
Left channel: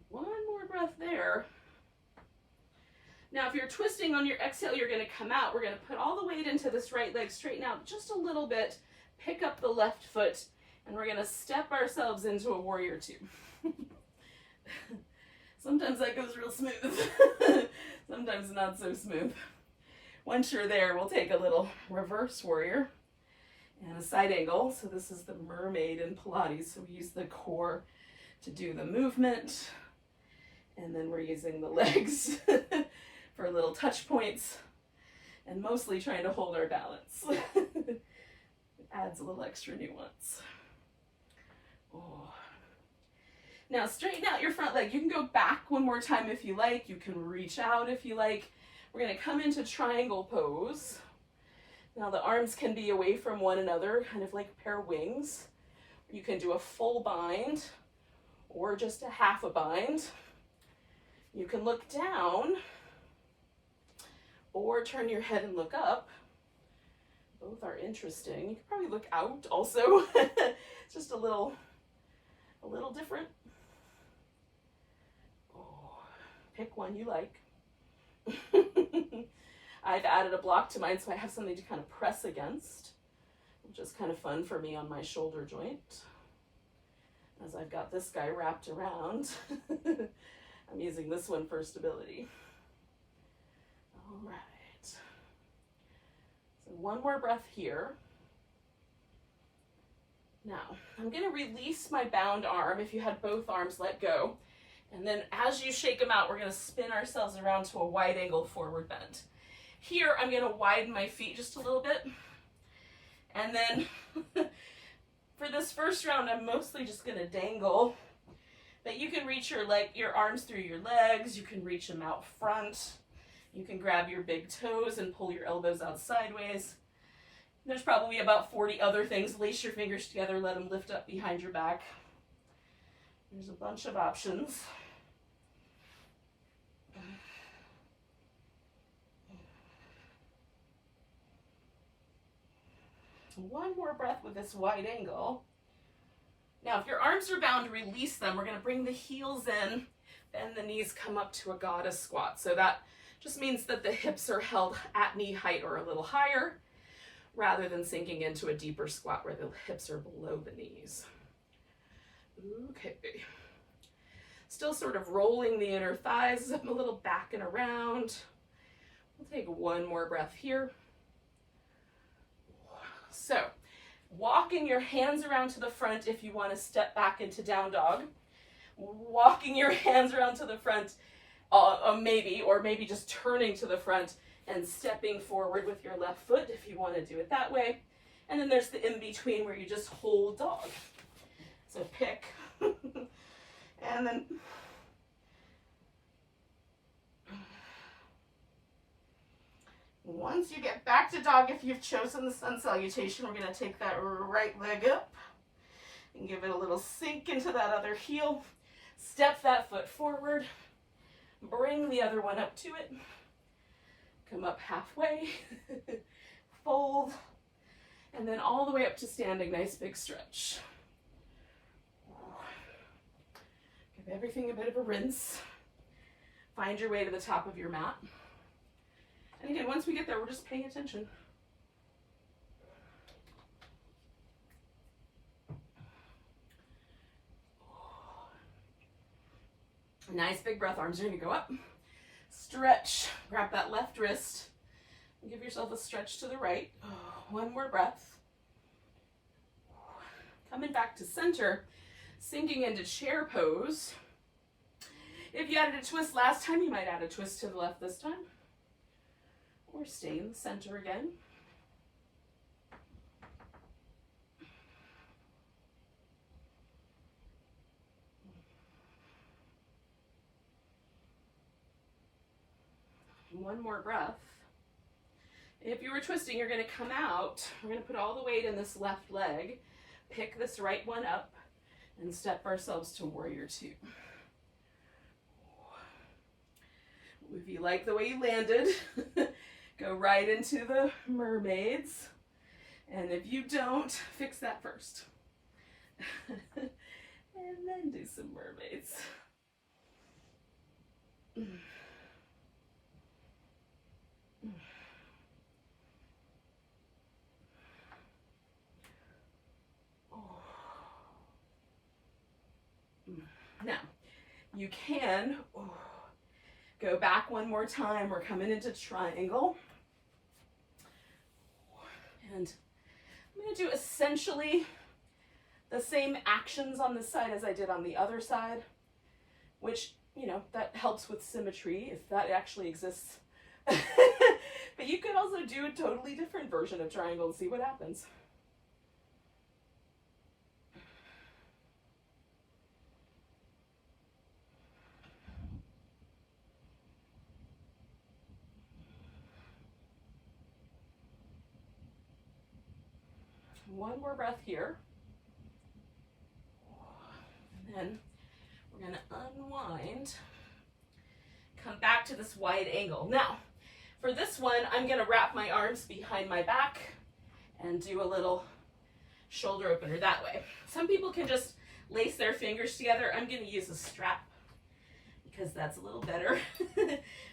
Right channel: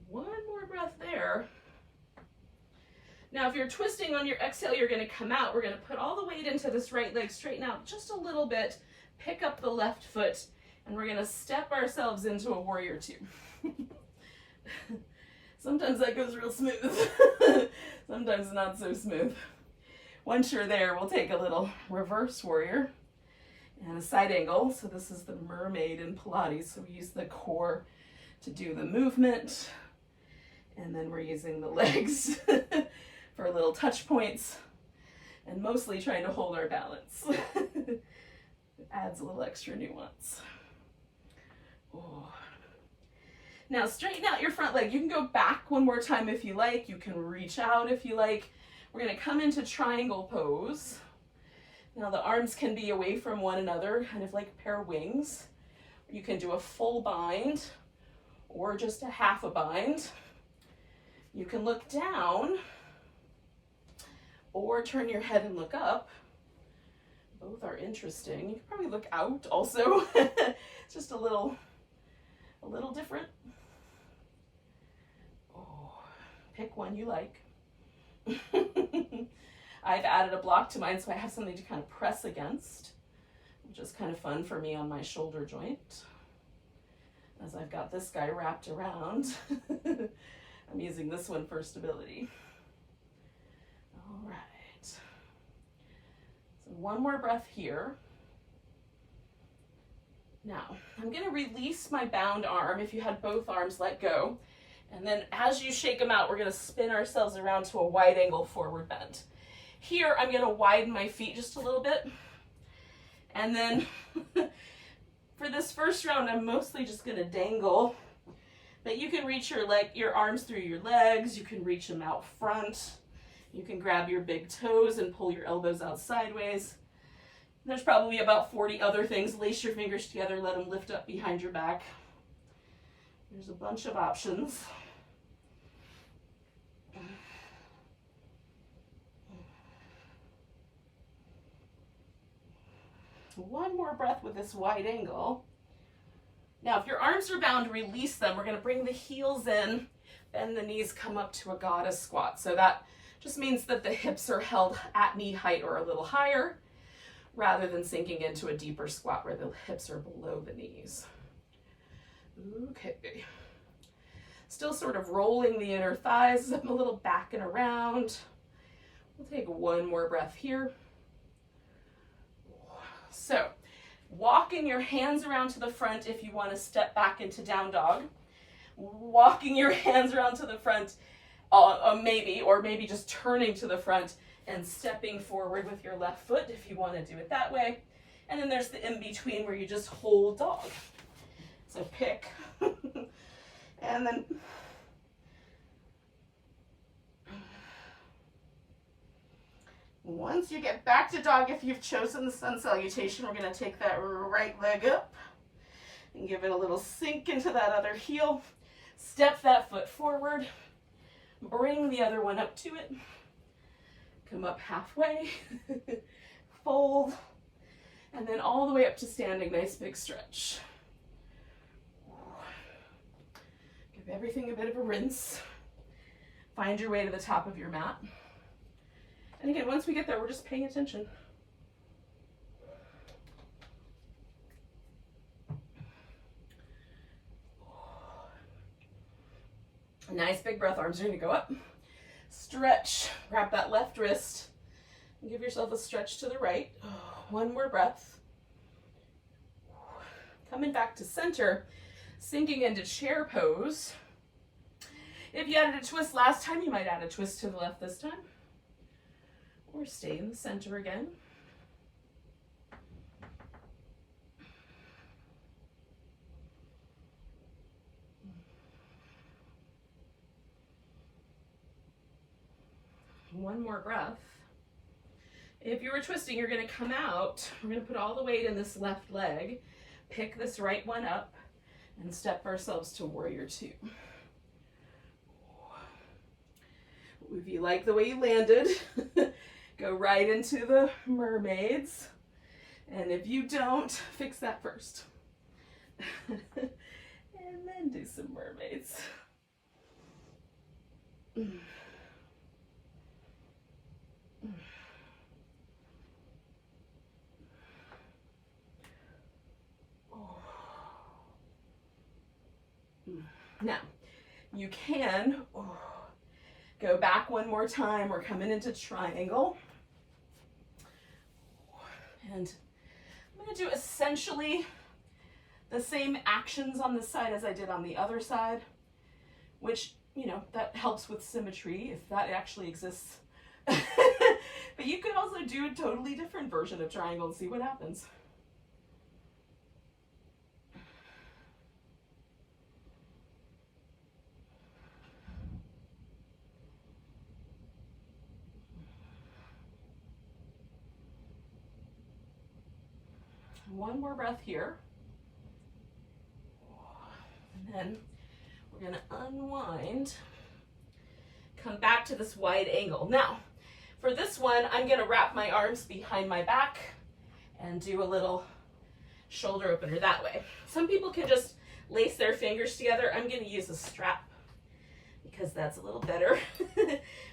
One more breath there. Now, if you're twisting on your exhale, you're going to come out. We're going to put all the weight into this right leg, straighten out just a little bit, pick up the left foot, and we're going to step ourselves into a warrior 2. Sometimes that goes real smooth. Sometimes not so smooth. Once you're there, we'll take a little reverse warrior and a side angle. So this is the mermaid in Pilates. So we use the core to do the movement. And then we're using the legs for little touch points and mostly trying to hold our balance. It adds a little extra nuance. Oh. Now straighten out your front leg. You can go back one more time if you like. You can reach out if you like. We're going to come into triangle pose. Now the arms can be away from one another, kind of like a pair of wings. You can do a full bind or just a half a bind. You can look down or turn your head and look up. Both are interesting. You can probably look out also. It's just a little different. Oh, pick one you like. I've added a block to mine so I have something to kind of press against, which is kind of fun for me on my shoulder joint. As I've got this guy wrapped around. I'm using this one for stability. All right. So one more breath here. Now, I'm gonna release my bound arm if you had both arms let go. And then as you shake them out, we're gonna spin ourselves around to a wide angle forward bend. Here, I'm gonna widen my feet just a little bit. And then for this first round, I'm mostly just gonna dangle. But you can reach your arms through your legs. You can reach them out front. You can grab your big toes and pull your elbows out sideways. There's probably about 40 other things. Lace your fingers together, let them lift up behind your back. There's a bunch of options. One more breath with this wide angle. Now, if your arms are bound, release them. We're going to bring the heels in, bend the knees, come up to a goddess squat. So that just means that the hips are held at knee height or a little higher, rather than sinking into a deeper squat where the hips are below the knees. Okay. Still sort of rolling the inner thighs a little back and around. We'll take one more breath here. So, walking your hands around to the front if you want to step back into down dog. Walking your hands around to the front, maybe just turning to the front and stepping forward with your left foot if you want to do it that way. And then there's the in-between where you just hold dog. So pick. And then once you get back to dog, if you've chosen the sun salutation, we're going to take that right leg up and give it a little sink into that other heel. Step that foot forward. Bring the other one up to it. Come up halfway. Fold. And then all the way up to standing. Nice big stretch. Give everything a bit of a rinse. Find your way to the top of your mat. And again, once we get there, we're just paying attention. Nice big breath. Arms are going to go up. Stretch. Grab that left wrist. And give yourself a stretch to the right. One more breath. Coming back to center. Sinking into chair pose. If you added a twist last time, you might add a twist to the left this time. Or stay in the center again. One more breath. If you were twisting, you're going to come out. We're going to put all the weight in this left leg. Pick this right one up and step ourselves to warrior two. If you like the way you landed, go right into the mermaids. And if you don't, fix that first. And then do some mermaids. Now, you can go back one more time. We're coming into triangle. And I'm going to do essentially the same actions on this side as I did on the other side, which, you know, that helps with symmetry if that actually exists. But you can also do a totally different version of triangle and see what happens. One more breath here. And then we're going to unwind. Come back to this wide angle. Now, for this one, I'm going to wrap my arms behind my back and do a little shoulder opener that way. Some people can just lace their fingers together. I'm going to use a strap because that's a little better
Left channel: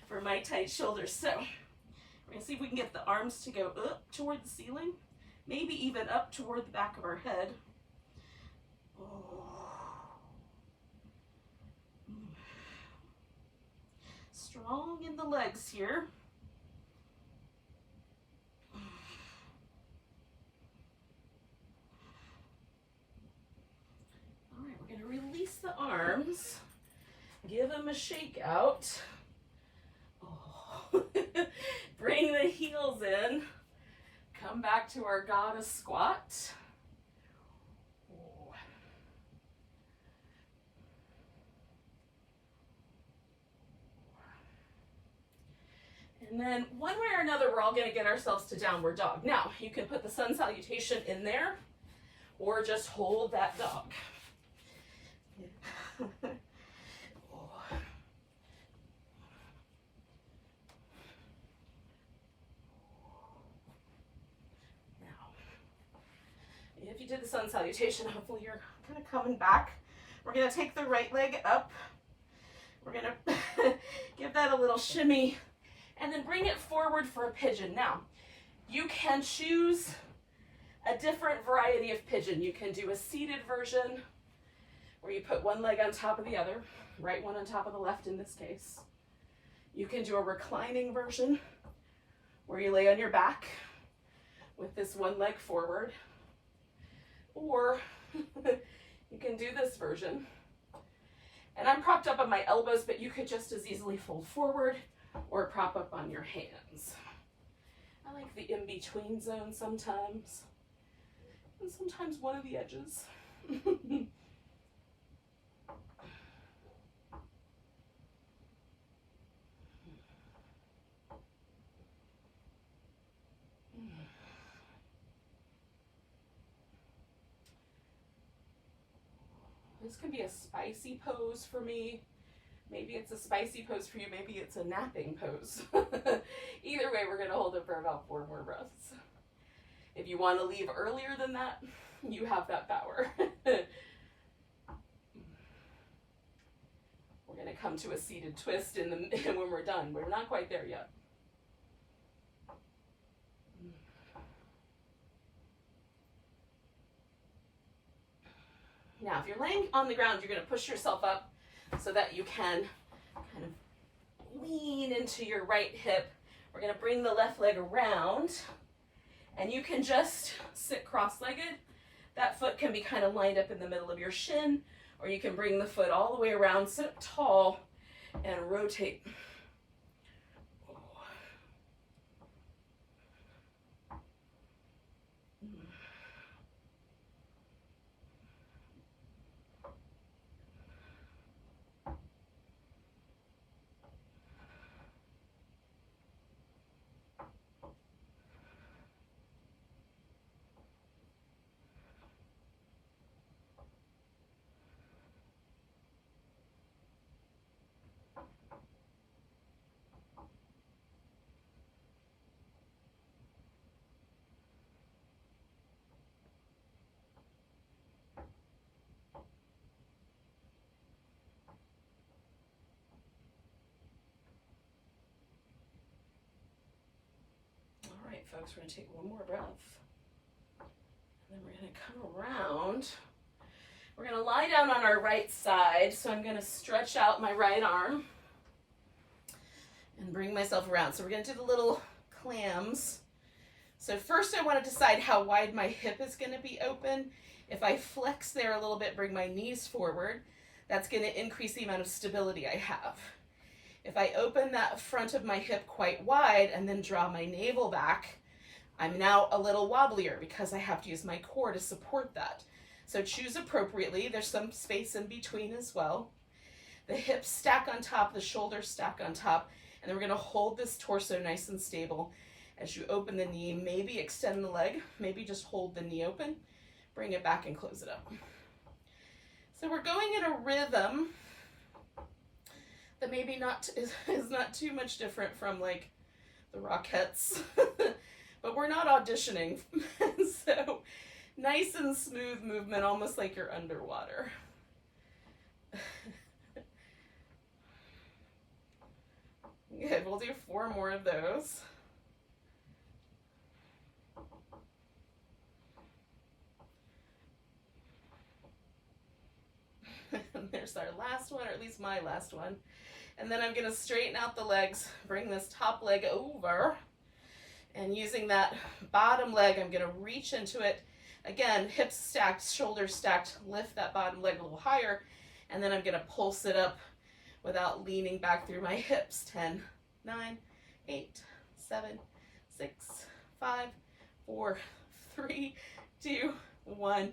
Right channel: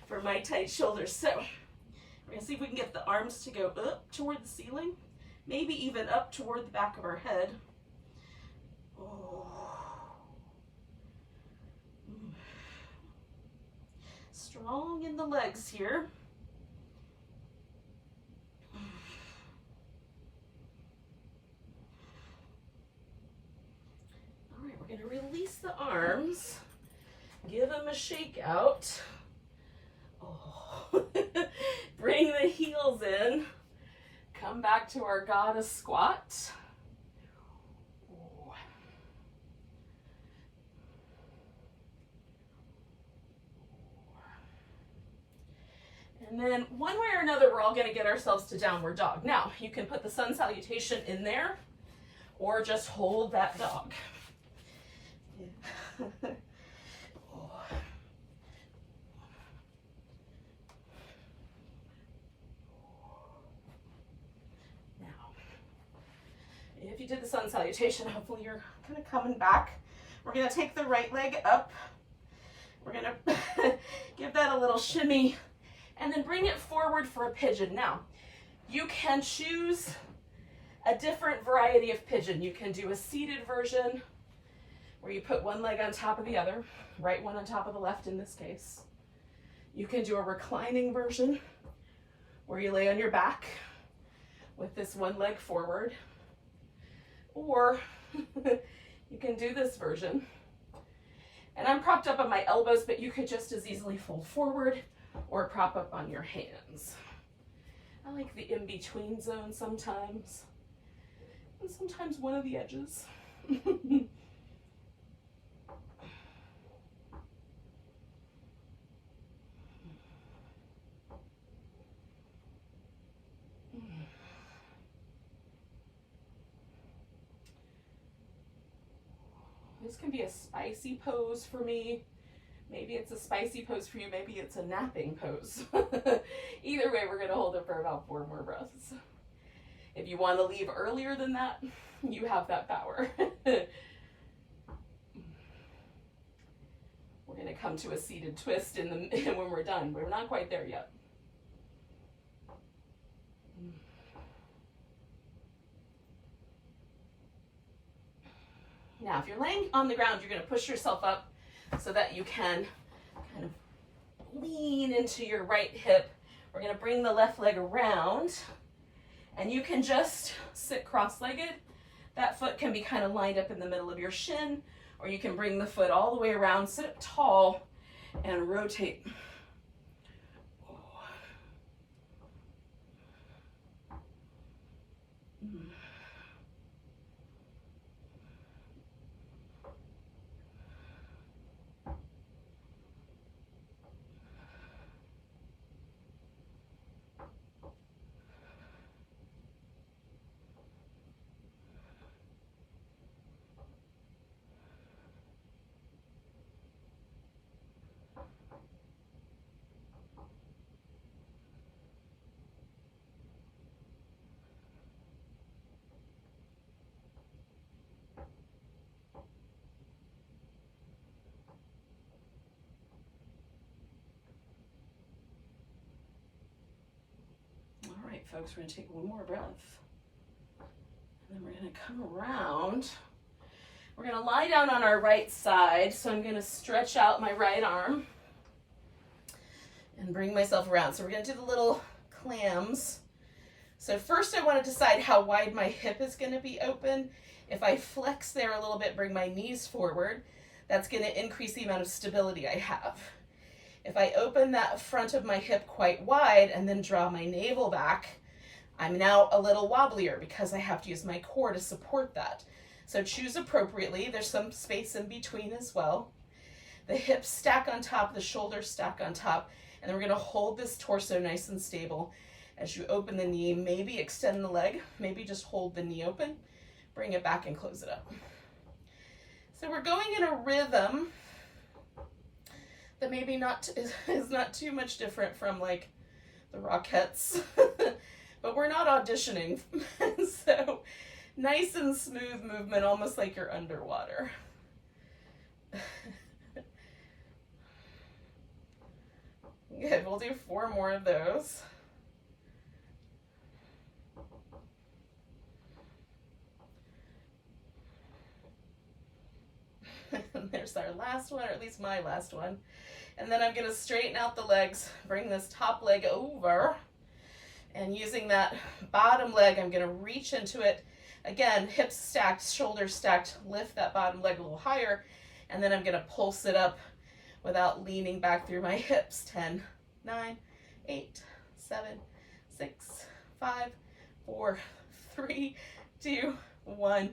for my tight shoulders. So we're going to see if we can get the arms to go up toward the ceiling. Maybe even up toward the back of our head. Strong in the legs here. arms. Give them a shake out. Oh. Bring the heels in. Come back to our goddess squat. Oh. And then one way or another, we're all going to get ourselves to downward dog. Now, you can put the sun salutation in there or just hold that dog. If you did the sun salutation, hopefully you're kind of coming back. We're going to take the right leg up. We're going to give that a little shimmy and then bring it forward for a pigeon. Now, you can choose a different variety of pigeon. You can do a seated version where you put one leg on top of the other, right one on top of the left in this case. You can do a reclining version where you lay on your back with this one leg forward. Or you can do this version. And I'm propped up on my elbows, but you could just as easily fold forward or prop up on your hands. I like the in-between zone sometimes. And sometimes one of the edges. This can be a spicy pose for me. Maybe it's a spicy pose for you. Maybe it's a napping pose. Either way, we're going to hold it for about 4 more breaths. If you want to leave earlier than that, you have that power. We're going to come to a seated twist when we're done. We're not quite there yet. Now, if you're laying on the ground, you're going to push yourself up so that you can kind of lean into your right hip. We're going to bring the left leg around, and you can just sit cross-legged. That foot can be kind of lined up in the middle of your shin, or you can bring the foot all the way around, sit up tall, and rotate. All right, folks, we're going to take one more breath. And then we're going to come around. We're going to lie down on our right side. So I'm going to stretch out my right arm and bring myself around. So we're going to do the little clams. So first I want to decide how wide my hip is going to be open. If I flex there a little bit, bring my knees forward, that's going to increase the amount of stability I have. If I open that front of my hip quite wide and then draw my navel back, I'm now a little wobblier because I have to use my core to support that. So choose appropriately. There's some space in between as well. The hips stack on top, the shoulders stack on top, and then we're going to hold this torso nice and stable. As you open the knee, maybe extend the leg, maybe just hold the knee open, bring it back and close it up. So we're going in a rhythm that maybe is not too much different from like the Rockettes, but we're not auditioning. So nice and smooth movement, almost like you're underwater. Good, we'll do 4 more of those. And there's our last one, or at least my last one. And then I'm going to straighten out the legs, bring this top leg over, and using that bottom leg, I'm going to reach into it. Again, hips stacked, shoulders stacked, lift that bottom leg a little higher, And then I'm gonna pulse it up without leaning back through my hips. 10, 9, 8, 7, 6, 5, 4, 3, 2, 1.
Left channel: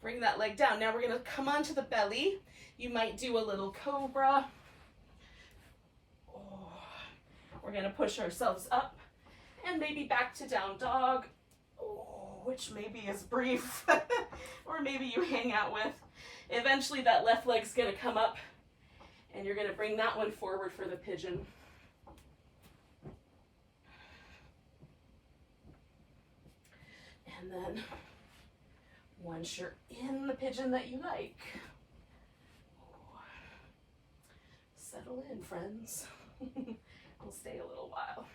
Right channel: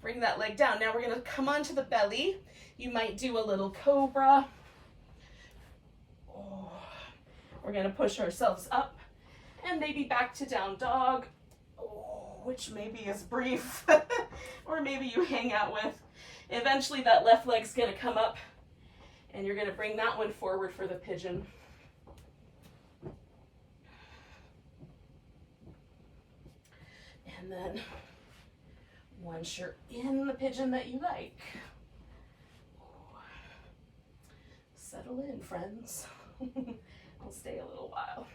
Bring that leg down. Now we're gonna come onto the belly. You might do a little cobra. Oh. We're gonna push ourselves up and maybe back to down dog, which maybe is brief, or maybe you hang out with. Eventually that left leg's gonna come up and you're gonna bring that one forward for the pigeon. And then once you're in the pigeon that you like, settle in, friends. We'll stay a little while.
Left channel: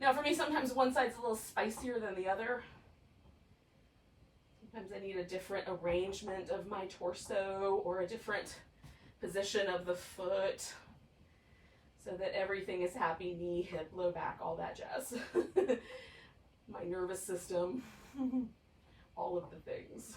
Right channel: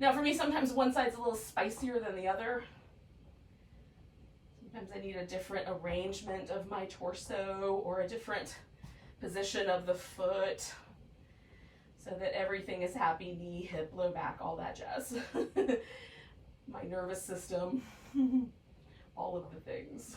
Now for me, sometimes one side's a little spicier than the other. Sometimes I need a different arrangement of my torso or a different position of the foot so that everything is happy, knee, hip, low back, all that jazz. My nervous system, all of the things.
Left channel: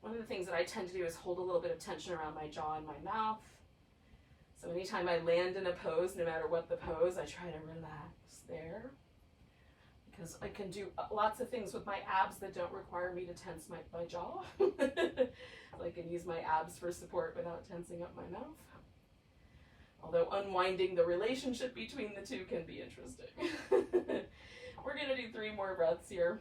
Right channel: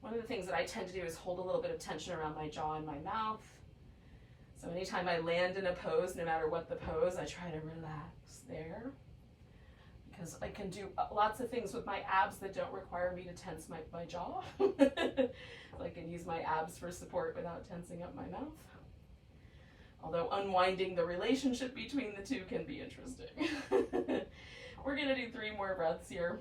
One of the things that I tend to do is hold a little bit of tension around my jaw and my mouth. So anytime I land in a pose, no matter what the pose, I try to relax there. Because I can do lots of things with my abs that don't require me to tense my jaw. So I can use my abs for support without tensing up my mouth. Although unwinding the relationship between the two can be interesting. We're gonna do 3 more breaths here.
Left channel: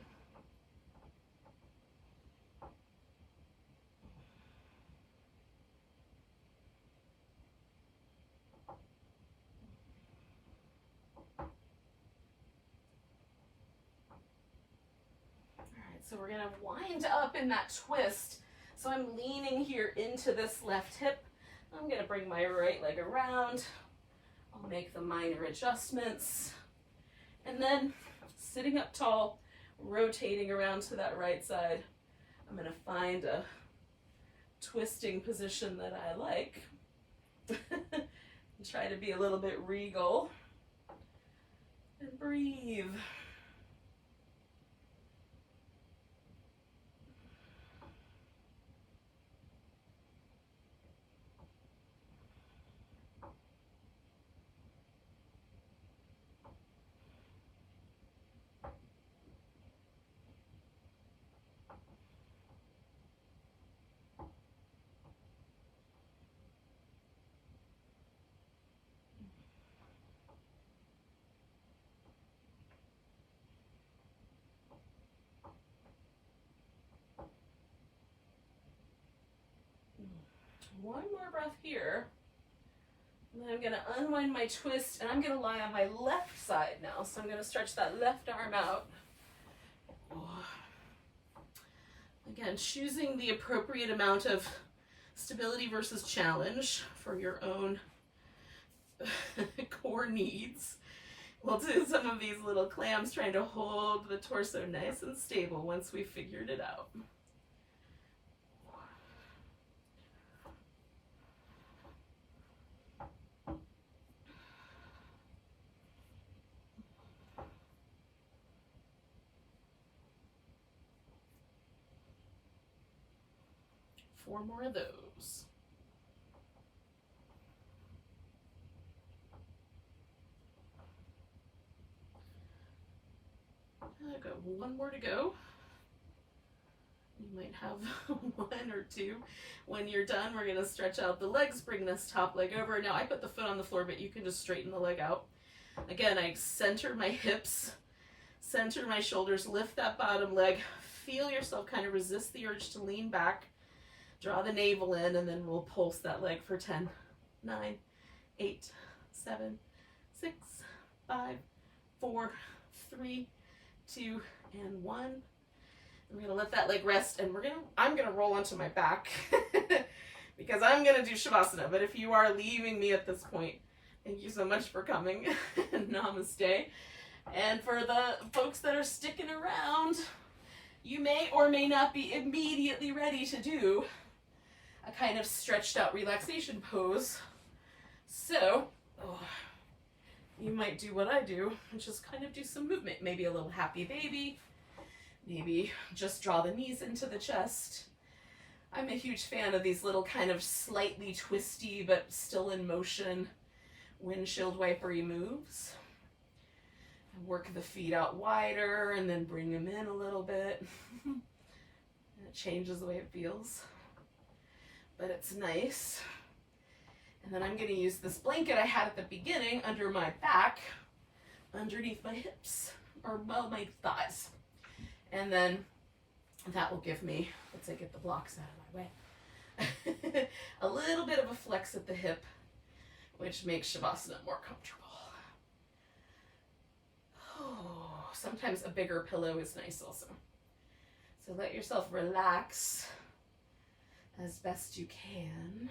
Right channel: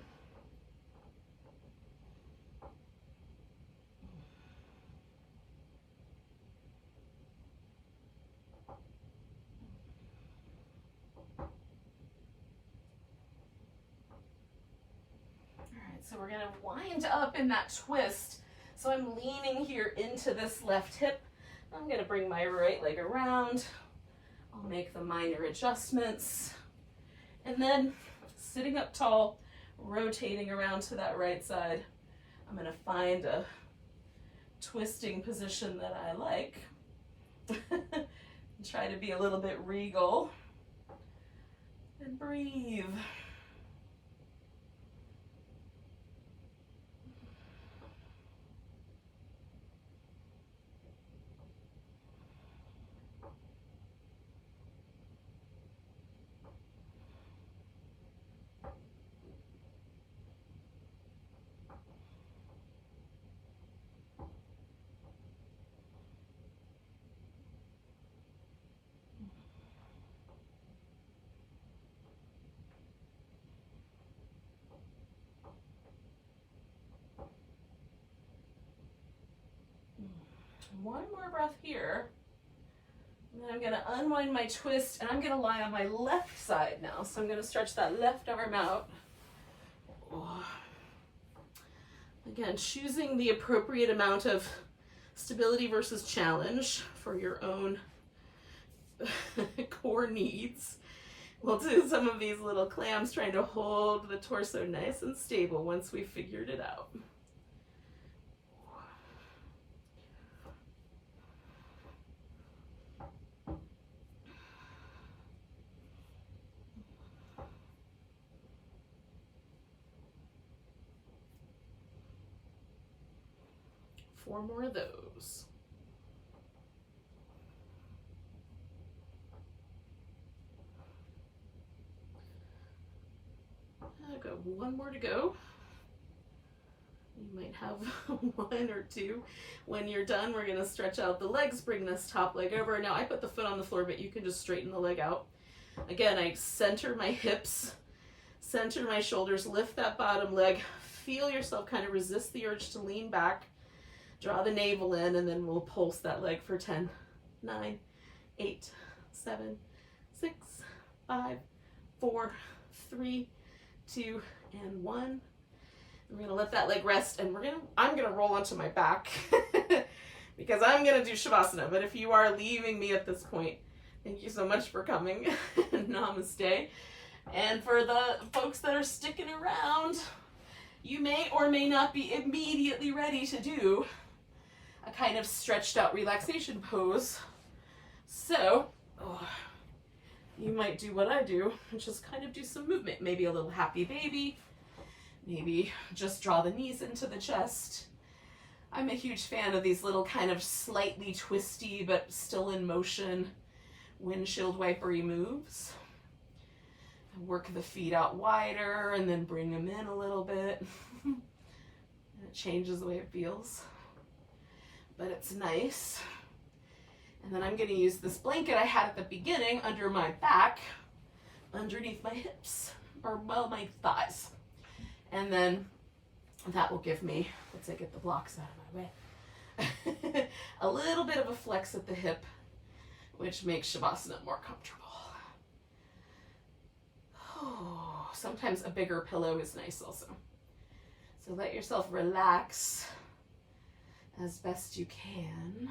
So we're gonna wind up in that twist. So I'm leaning here into this left hip. I'm gonna bring my right leg around. I'll make the minor adjustments. And then sitting up tall, rotating around to that right side. I'm gonna find a twisting position that I like. And try to be a little bit regal. And breathe. 1 more breath here. And then I'm gonna unwind my twist and I'm gonna lie on my left side now. So I'm gonna stretch that left arm out. Again, choosing the appropriate amount of stability versus challenge for your own core needs. We'll do some of these little clams trying to hold the torso nice and stable once we've figured it out. Four more of those. I've got 1 more to go. You might have 1 or 2. When you're done, we're going to stretch out the legs, bring this top leg over. Now I put the foot on the floor, but you can just straighten the leg out. Again, I center my hips, center my shoulders, lift that bottom leg, feel yourself kind of resist the urge to lean back. Draw the navel in, and then we'll pulse that leg for 10, 9, 8, 7, 6, 5, 4, 3, 2, and 1. We're gonna let that leg rest, and I'm gonna roll onto my back because I'm gonna do Shavasana. But if you are leaving me at this point, thank you so much for coming. Namaste. And for the folks that are sticking around, you may or may not be immediately ready to do a kind of stretched out relaxation pose. So, might do what I do, which is kind of do some movement. Maybe a little happy baby. Maybe just draw the knees into the chest. I'm a huge fan of these little kind of slightly twisty but still in motion windshield wipery moves. Work the feet out wider and then bring them in a little bit. It changes the way it feels, but it's nice. And then I'm going to use this blanket I had at the beginning under my back, underneath my hips, or well, my thighs. And then that will give me, once I get the blocks out of my way, a little bit of a flex at the hip, which makes Shavasana more comfortable. Oh, sometimes a bigger pillow is nice also. So let yourself relax as best you can.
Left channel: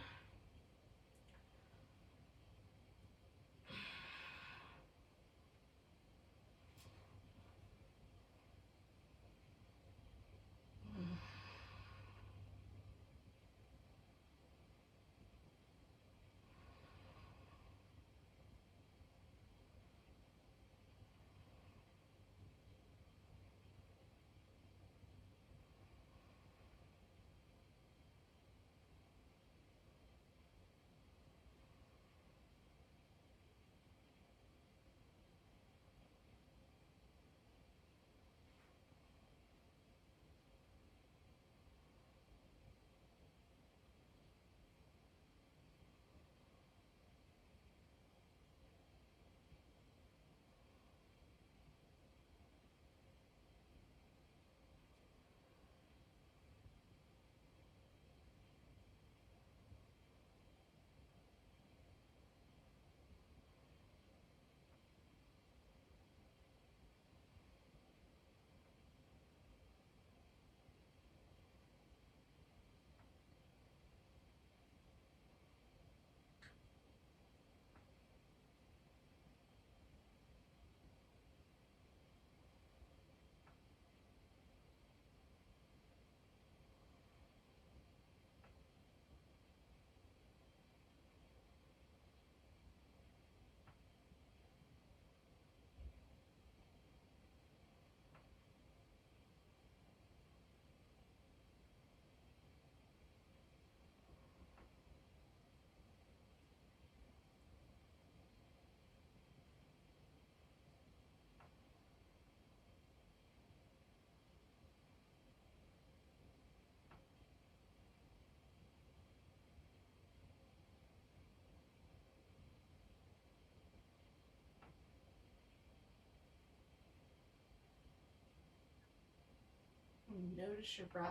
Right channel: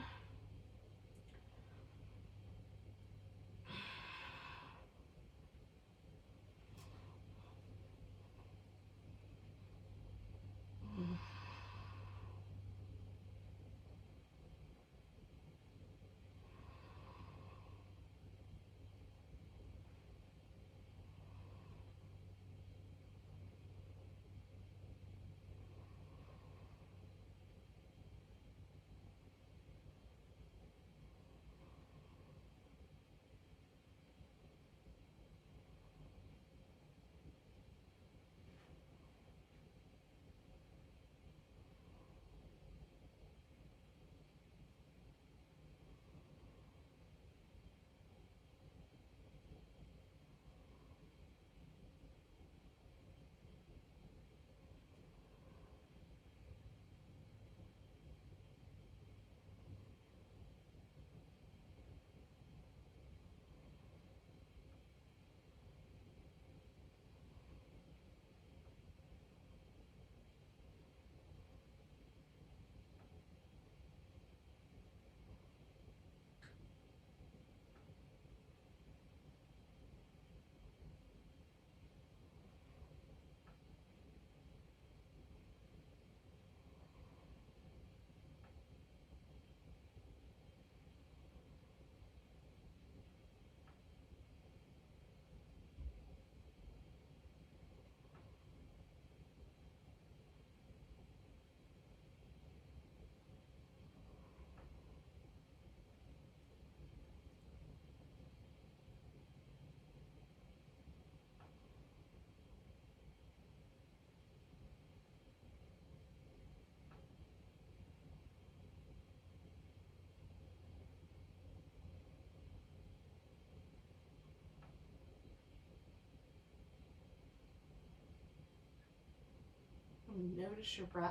Notice your breath.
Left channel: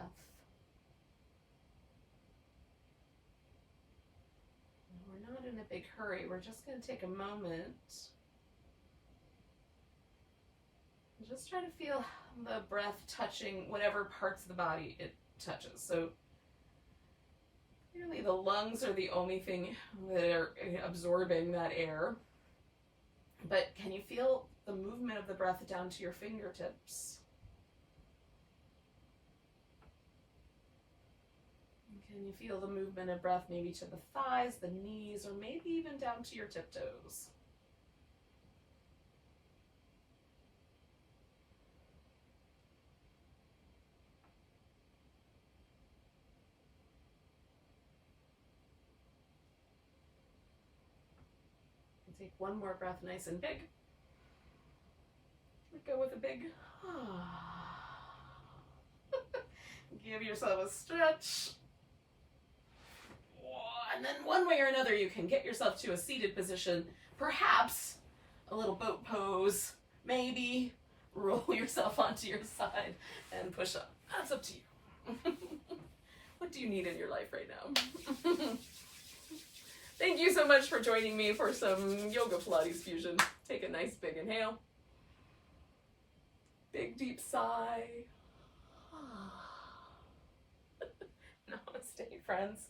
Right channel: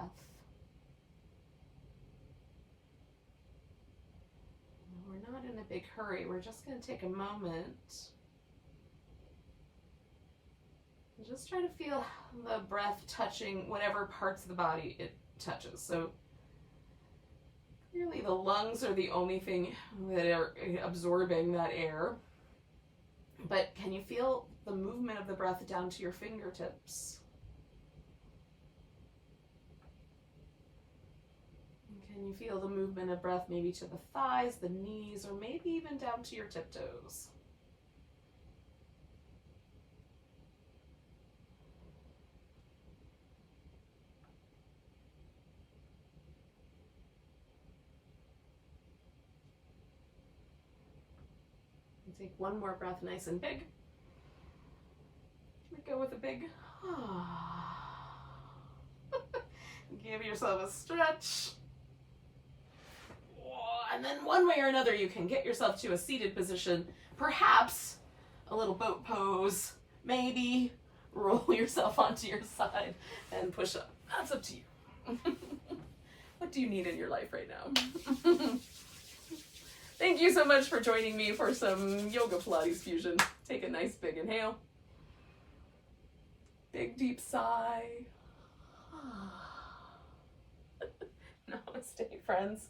We're not in a big hurry. We're just going to take a moment and just try to feel the breath touching whatever parts of the body it touches. So clearly the lungs are the only thing that are absorbing that air. But can you feel the movement of the breath down to your fingertips? Can you feel the movement of breath maybe to the thighs, the knees, or maybe even down to your tiptoes? And take one more breath nice and big. Go with a big give yourself a stretch. And then one way or another, you can get yourself to a seated position, perhaps a little boat pose, maybe roll yourself onto your side and push up. That's up to you. What do you need in your life right now? Thank you so much for joining me for some yoga Pilates fusion. Take a nice big inhale. Big deep sigh. Namaste, friends.